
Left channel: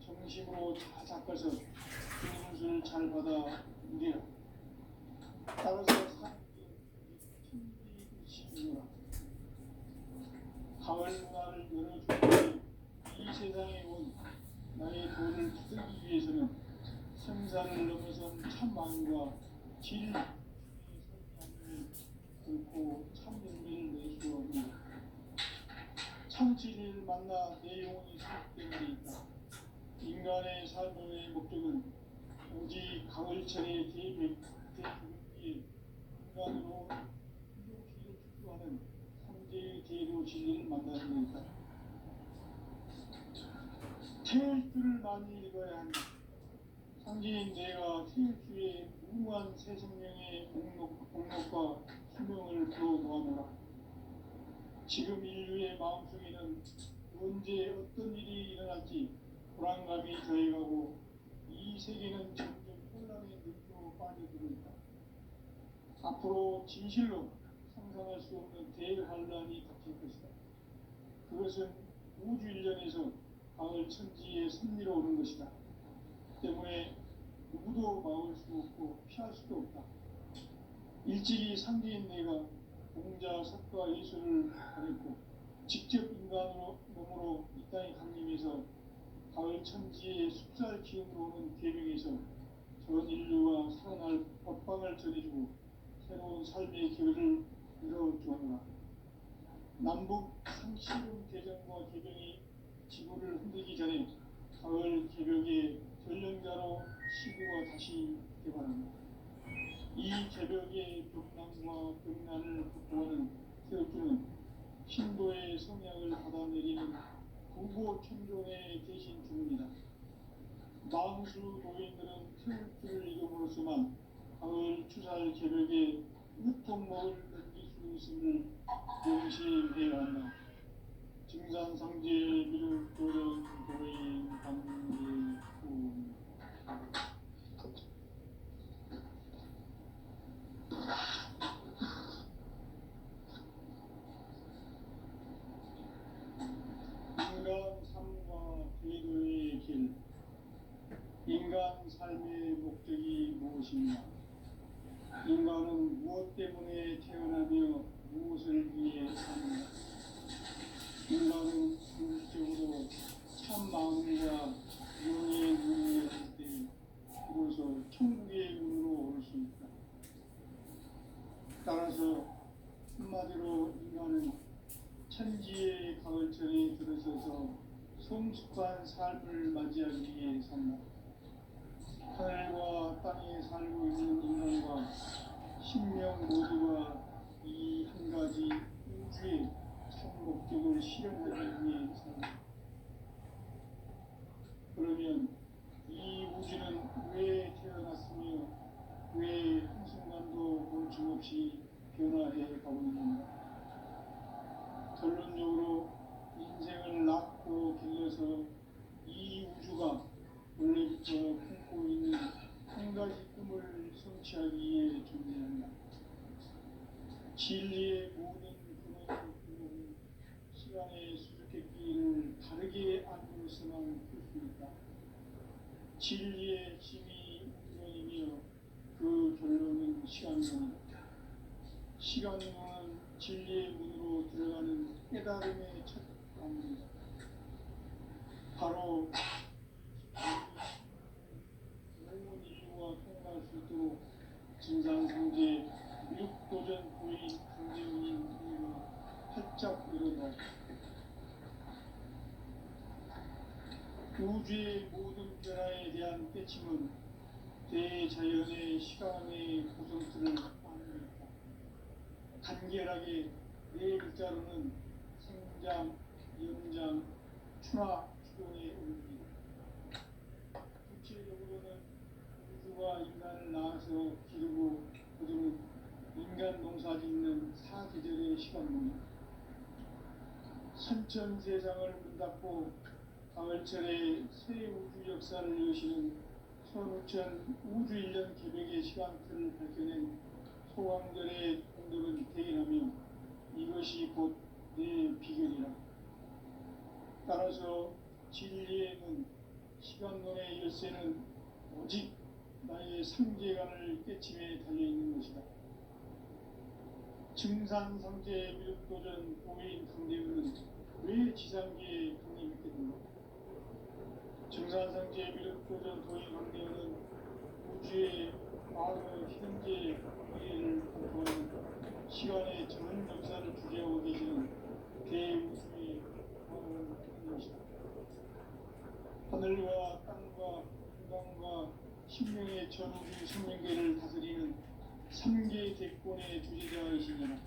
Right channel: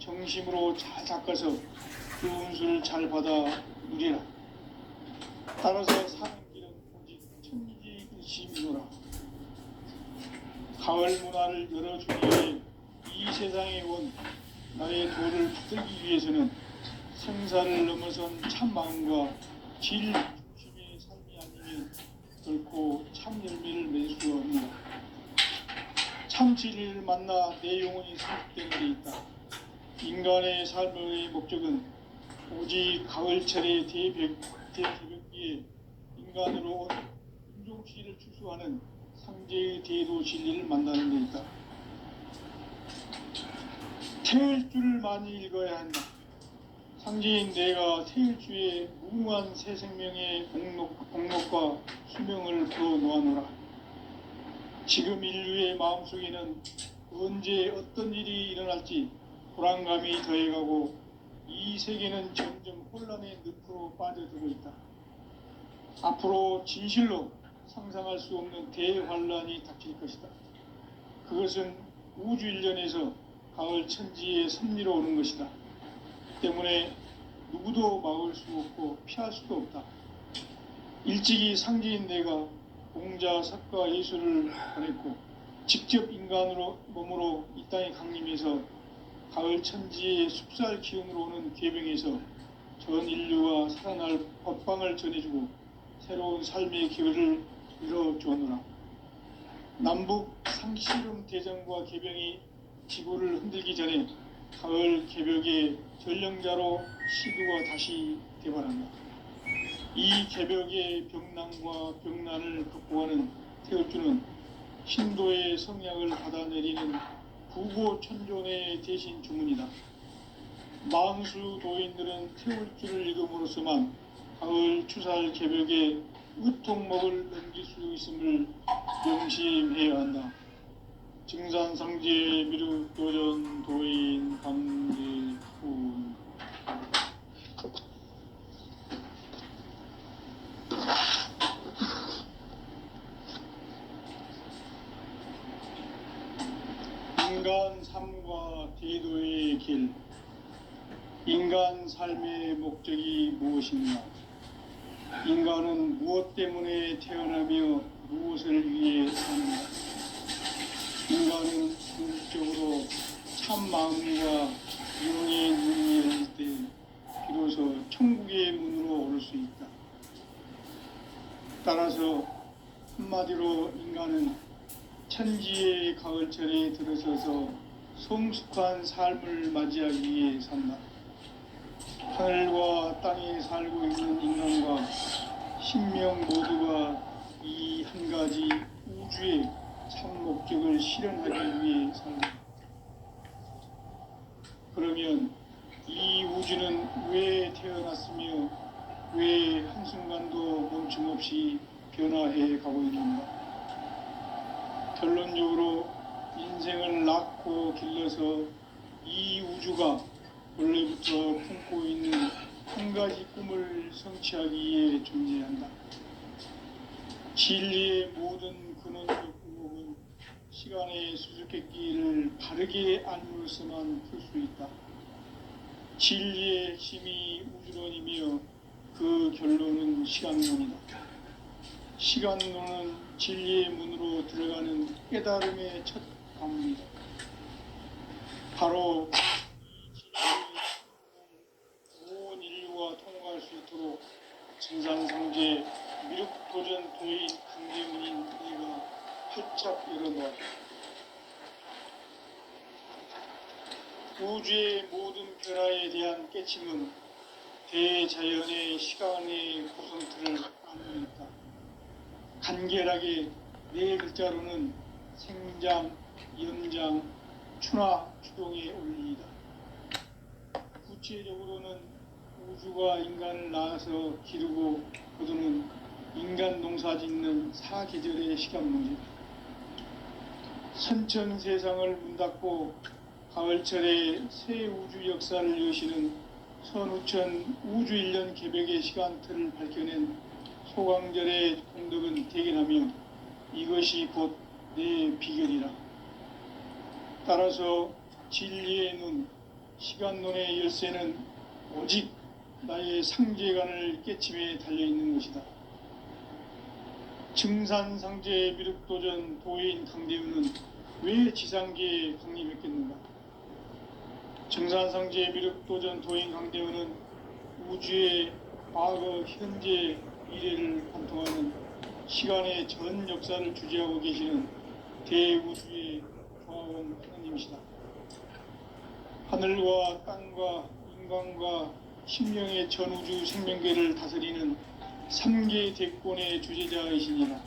정심으로 잘 닦아서 그 운수를 잘 받아 누리라. 따라서 사는 길은 오직 천지일심이노라. 가을 문화를 열어주기 위해 이 세상에 온 나의 도를 붙들기 위해서는 생사를 넘어선 참 마음과 질 중심의 삶이 아니면 결코 참 열매를 맺을 수 없노라. 참 진리를 만나 내 영혼이 성숙된 데 있다. 인간의 삶의 목적은 오직 가을철의 대개벽기에 인간으로 온 인종시를 추수하는 상제의 대도 진리를 만나는 데 있다. 태울 줄을 많이 읽어야 한다. 상제인 내가 태일주의 무궁한 새 생명의 공목과 수명을 풀어놓아노라. 지금 인류의 마음속에는 언제 어떤 일이 일어날지 불안감이 더해가고 이 세계는 점점 혼란의 늪으로 빠져들고 있다. 앞으로 진실로 상상할 수 없는 대환란이 닥칠 것이다. 그것은 우주 일련에서 가을 천지의 섭리로 오는 것이다. 때문에 누구도 막을 수 없고 피할 수도 없다. 일찍이 상제인 내가 공자, 석가, 예수를 보냈고 직접 인간으로 몸으로 이 땅에 강림해서 가을 천지의 숲살 기운으로 오는 계병에서 전 인류가 살아날 법방을 전해주고 새로운 삶의 기회를 열어주었노라. 남북 상씨름 대전과 개병이 지구를 흔들기 전에 가을 개벽의 전령자로 시두가 다시 대발한다. 이 개벽의 병난과 병난을 극복하는 태울주는 신도의 성약을 받아내리는 부고천존의 대신 주문이다. 망수 도인들은 태울주를 읽음으로써만 가을 추살 개벽의 의통목을 넘길 수 있음을 명심해야 한다. 증산상제 미륵도전 도인 강제훈. 인간 삶과 대도의 길. 인간 삶의 목적이 무엇인가? 인간은 무엇 때문에 태어나며 무엇을 위해 사는가? 인간은 궁극적으로 참 마음과 영의 눈이 열릴 때 비로소 천국의 문으로 오를 수 있다. 따라서 한마디로 인간은 천지의 가을철에 들어서서 성숙한 삶을 맞이하기 위해 산다. 하늘과 땅에 살고 있는 인간과 신명 모두가 이 한 가지 우주의 참 목적을 실현하기 위해 산다. 그러면 이 우주는 왜 태어났으며 왜 한순간도 멈춤없이 변화해 가고 있는가? 결론적으로 인생을 낳고 길러서 이 우주가 원래부터 품고 있는 한 가지 꿈을 성취하기 위해 존재한다. 진리의 모든 근원적 의혹은 시간의 수수께끼를 바르게 알므로서만 풀 수 있다. 진리의 핵심이 우주론이며 그 결론은 시간론이다. 시간론은 진리의 문으로 들어가는 깨달음의 첫 관문이다. 바로 온 인류가 통과할 수 있도록 증산상제 미륵도전 도인 강제문인 내가 활짝 열어놓았다. 우주의 모든 변화에 대한 깨침은 대자연의 시간의 구성틀을 안고 있다. 간결하게 네 글자로는 생장, 연장, 추나 추동의 원리이다. 구체적으로는 우주가 인간을 낳아서 기르고 거두는 인간 농사 짓는 사계절의 시간문제다. 선천 세상을 문 닫고 가을철에 새 우주 역사를 여시는 선우천 우주 1년 개벽의 시간틀을 밝혀낸 소강절의 공덕은 대견하며 이것이 곧 내 비결이라. 따라서 진리의 눈, 시간론의 열쇠는 오직 나의 상제관을 깨침에 달려있는 것이다. 증산상제 미륵도전 도인 강대훈은 왜 지상계에 강림했겠는가? 증산상제 미륵도전 도인 강대훈은 우주의 과거, 현재, 미래를 관통하는 시간의 전 역사를 주재하고 계시는 대우주의 조화원 하나님이시다. 하늘과 땅과 인간과 심령의 전우주 생명계를 다스리는 3계 대권의 주제자이시니라.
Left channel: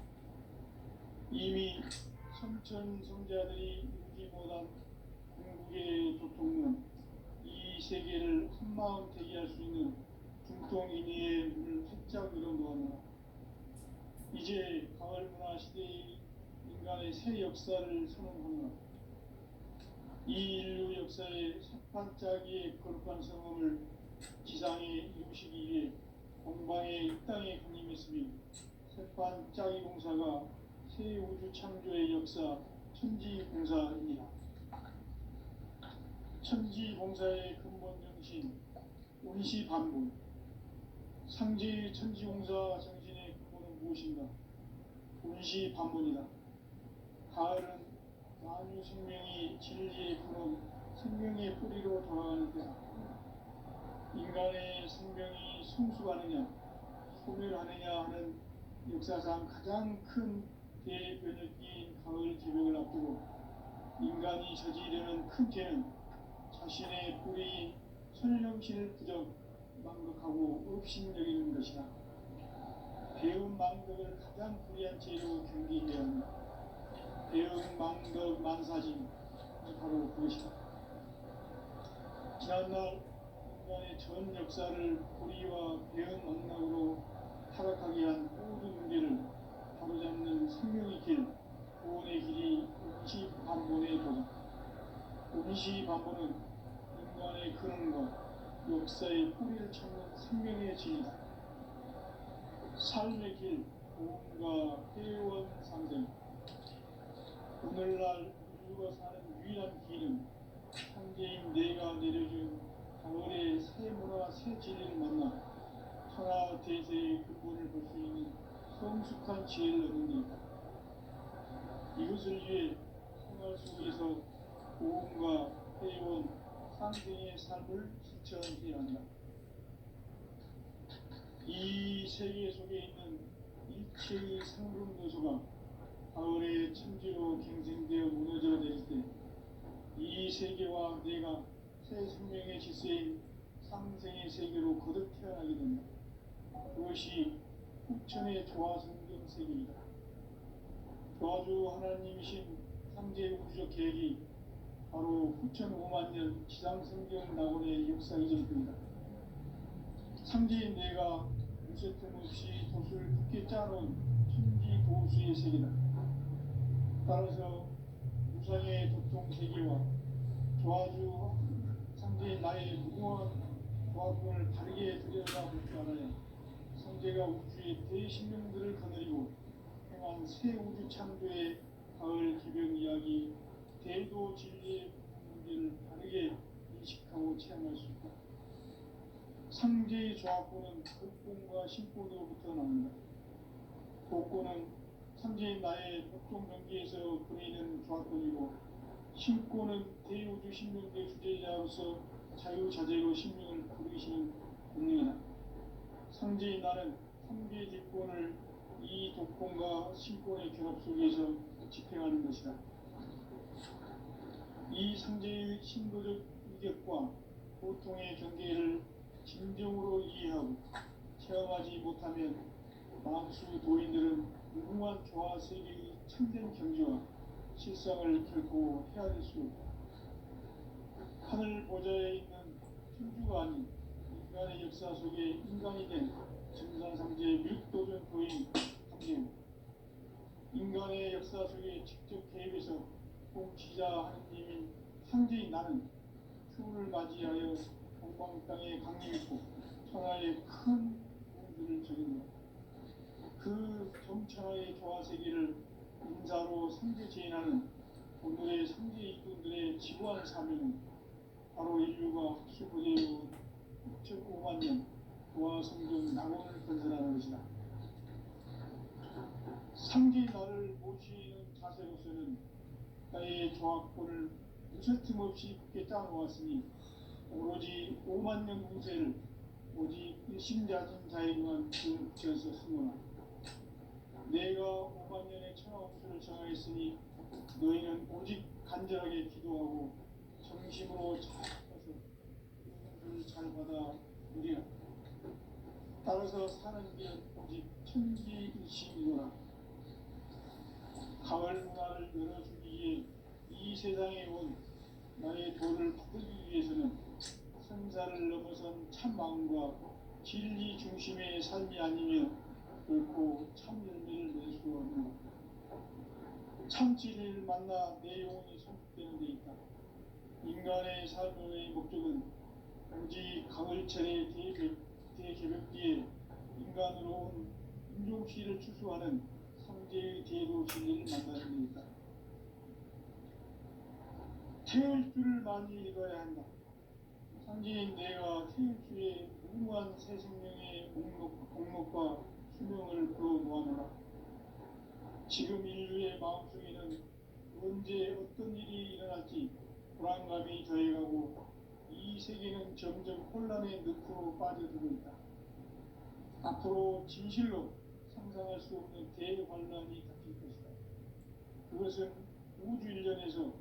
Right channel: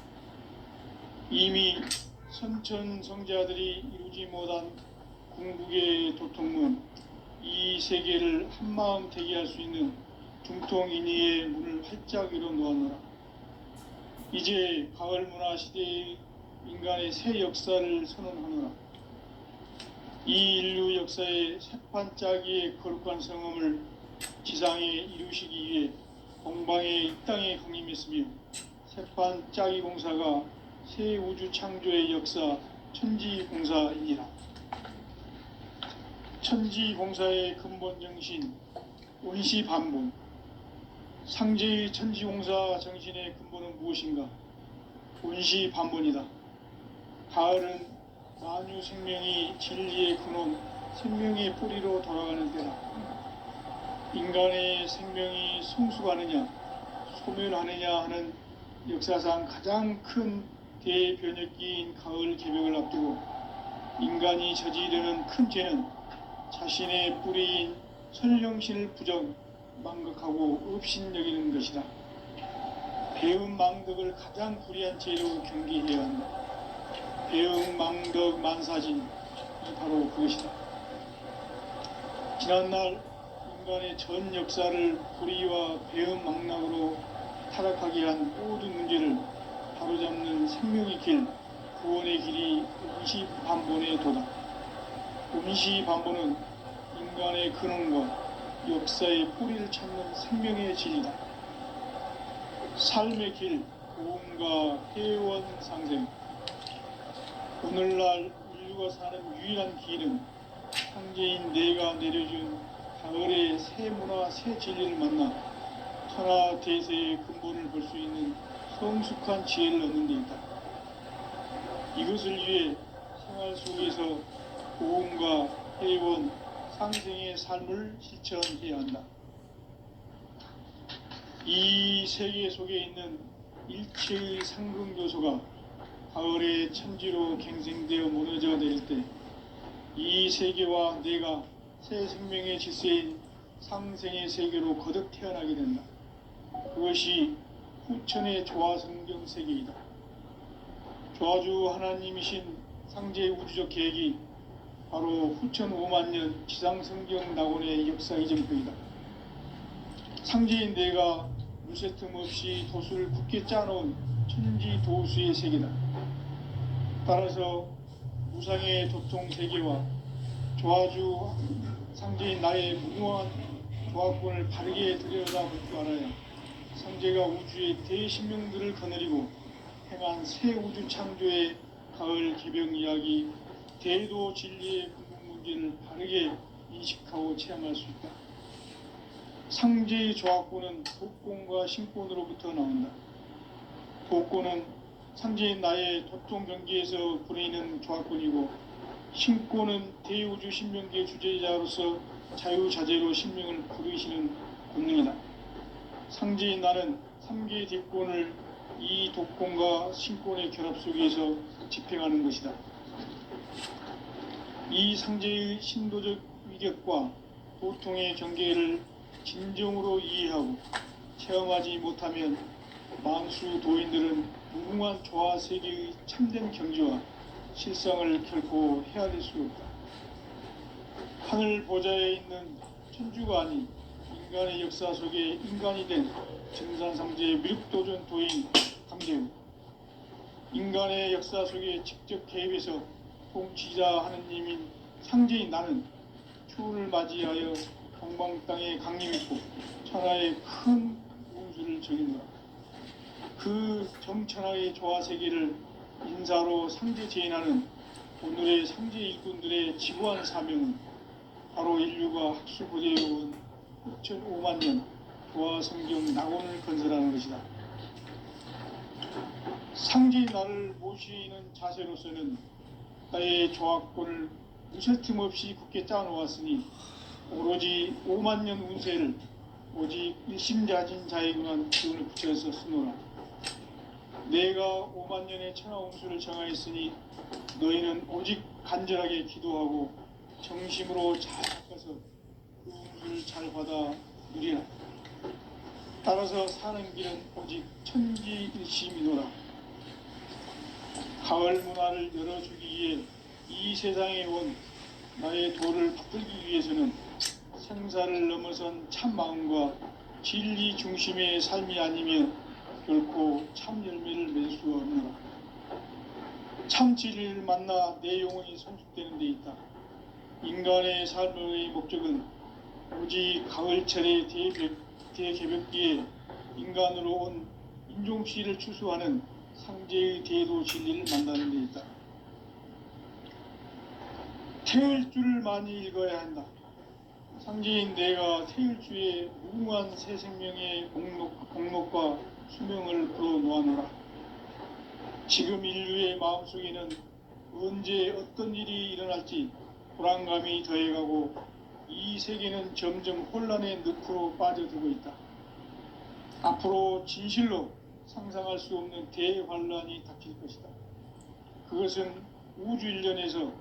이미 선천 성자들이 이루지 못한 궁극의 도통문, 이 세계를 한마음 되게 할 수 있는 중통인의의 문을 활짝 열어 놓았노라. 이제 가을 문화 시대의 인간의 새 역사를 선언하노라. 이 인류 역사의 새판짜기의 거룩한 성험을 지상에 이루시기 위해 공방에 이 땅에 강림했으며 새판짜기 공사가 새 우주 창조의 역사 천지공사이니라. 천지공사의 근본 정신 원시반복. 상제의 천지공사 정신의 근본은 무엇인가? 원시반복이다. 가을은 만유 생명이 진리의 근원, 생명의 뿌리로 돌아가는 때다. 인간의 생명이 성숙하느냐 소멸하느냐 하는 역사상 가장 큰 대변혁기인 가을 개벽을 앞두고 인간이 저지르는 큰 죄는 자신의 뿌리인 선령신을 부정 망각하고 업신여기는 것이다. 배음 망덕을 가장 불의한 죄로 경계해야 한다. 배음 망덕 만사진이 바로 그것이다. 지난날 인간의 전 역사를 불의와 배음 망락으로 타락하게 한 모든 문제를 바로잡는 생명의 길, 구원의 길이 임시반본에 도다. 임시반본은 인간의 근원과 역사의 뿌리를 찾는 생명의 진리다. 삶의 길, 고음과 회원 상생. 오늘날 인류가 사는 유일한 길은 황제인 내가 내려준 가을의 새 문화, 새 진리를 만나 천하 대세의 근본을 볼 수 있는 성숙한 지혜를 얻는 데 있다. 이것을 위해 생활 속에서 고음과 회원, 상생의 삶을 실천해야 한다. 이 세계 속에 있는 일체의 상승 요소가 가을의 천지로 갱생되어 무너져 내릴 때 이 세계와 내가 새 생명의 질서인 상생의 세계로 거듭 태어나게 된다. 그것이 후천의 조화성경 세계이다. 조화주 하나님이신 상제 우주적 계획이 바로 후천 5만년 지상성경 낙원의 역사 이전표이다. 상제인 내가 무쇠 틈 없이 도수를 굳게 짜놓은 천지 도수의 세계다. 따라서 무상의 도통 세계와 조화주 상제인 나의 무궁한 조화권을 바르게 들여다볼 줄 알아야 상제가 우주의 대신명들을 거느리고 행한 새 우주 창조의 가을 개벽 이야기, 대도 진리의 근본 문제를 바르게 인식하고 체험할 수 있다. 상제의 조화권은 도권과 신권으로부터 나온다. 도권은 상제인 나의 도통 경계에서 부리는 조화권이고, 신권은 대우주 신명계의 주제자로서 자유자재로 신명을 부르시는 권능이다. 상제인 나는 3개의 뒷권을 이 도권과 신권의 결합 속에서 집행하는 것이다. 이 상제의 신도적 위격과 도통의 경계를 진정으로 이해하고 체험하지 못하면 만수 도인들은 무궁한 조화 세계의 참된 경지와 실상을 결코 헤아릴 수 없다. 하늘 보좌에 있는 천주가 아닌 인간의 역사 속에 인간이 된 증산상제의 미륵도전 도인 강재우, 인간의 역사 속에 직접 개입해서 통치자 하느님인 상제인 나는 추운을 맞이하여 동방 땅에 강림했고 천하의 큰 운수를 적인노라. 그 정천하의 조화세계를 인사로 상제 제인하는 오늘의 상제 일꾼들의 지구한 사명은 바로 인류가 학수부대해온 6,5만 년 조화성경 낙원을 건설하는 것이다. 상제인 나를 모시는 자세로서는 나의 조화권을 무쇠 틈 없이 굳게 짜놓았으니 오로지 5만 년 운세를 오직 일심자진 자에게만 기운을 붙여서 쓰노라. 내가 5만 년의 천하 운수를 정하였으니 너희는 오직 간절하게 기도하고 정심으로 잘 닦아서 그 운수를 잘 받아 누리라. 따라서 사는 길은 오직 천지일심이노라. 가을 문화를 열어주기 위해 이 세상에 온 나의 도를 받들기 위해서는 생사를 넘어선 참 마음과 진리 중심의 삶이 아니면 결코 참 열매를 맺을 수 없노라. 참 진리를 만나 내 영혼이 성숙되는 데 있다. 인간의 삶의 목적은 오직 가을철의 대개벽기에 인간으로 온 인종씨를 추수하는 상제의 대도 진리를 만나는 데 있다. 태을 줄을 많이 읽어야 한다. 상제인 내가 태을주의 무궁한 새 생명의 목록과 수명을 풀어놓아노라. 지금 인류의 마음속에는 언제 어떤 일이 일어날지 불안감이 더해가고 이 세계는 점점 혼란의 늪으로 빠져들고 있다. 앞으로 진실로 상상할 수 없는 대환란이 닥칠 것이다. 그것은 우주 일련에서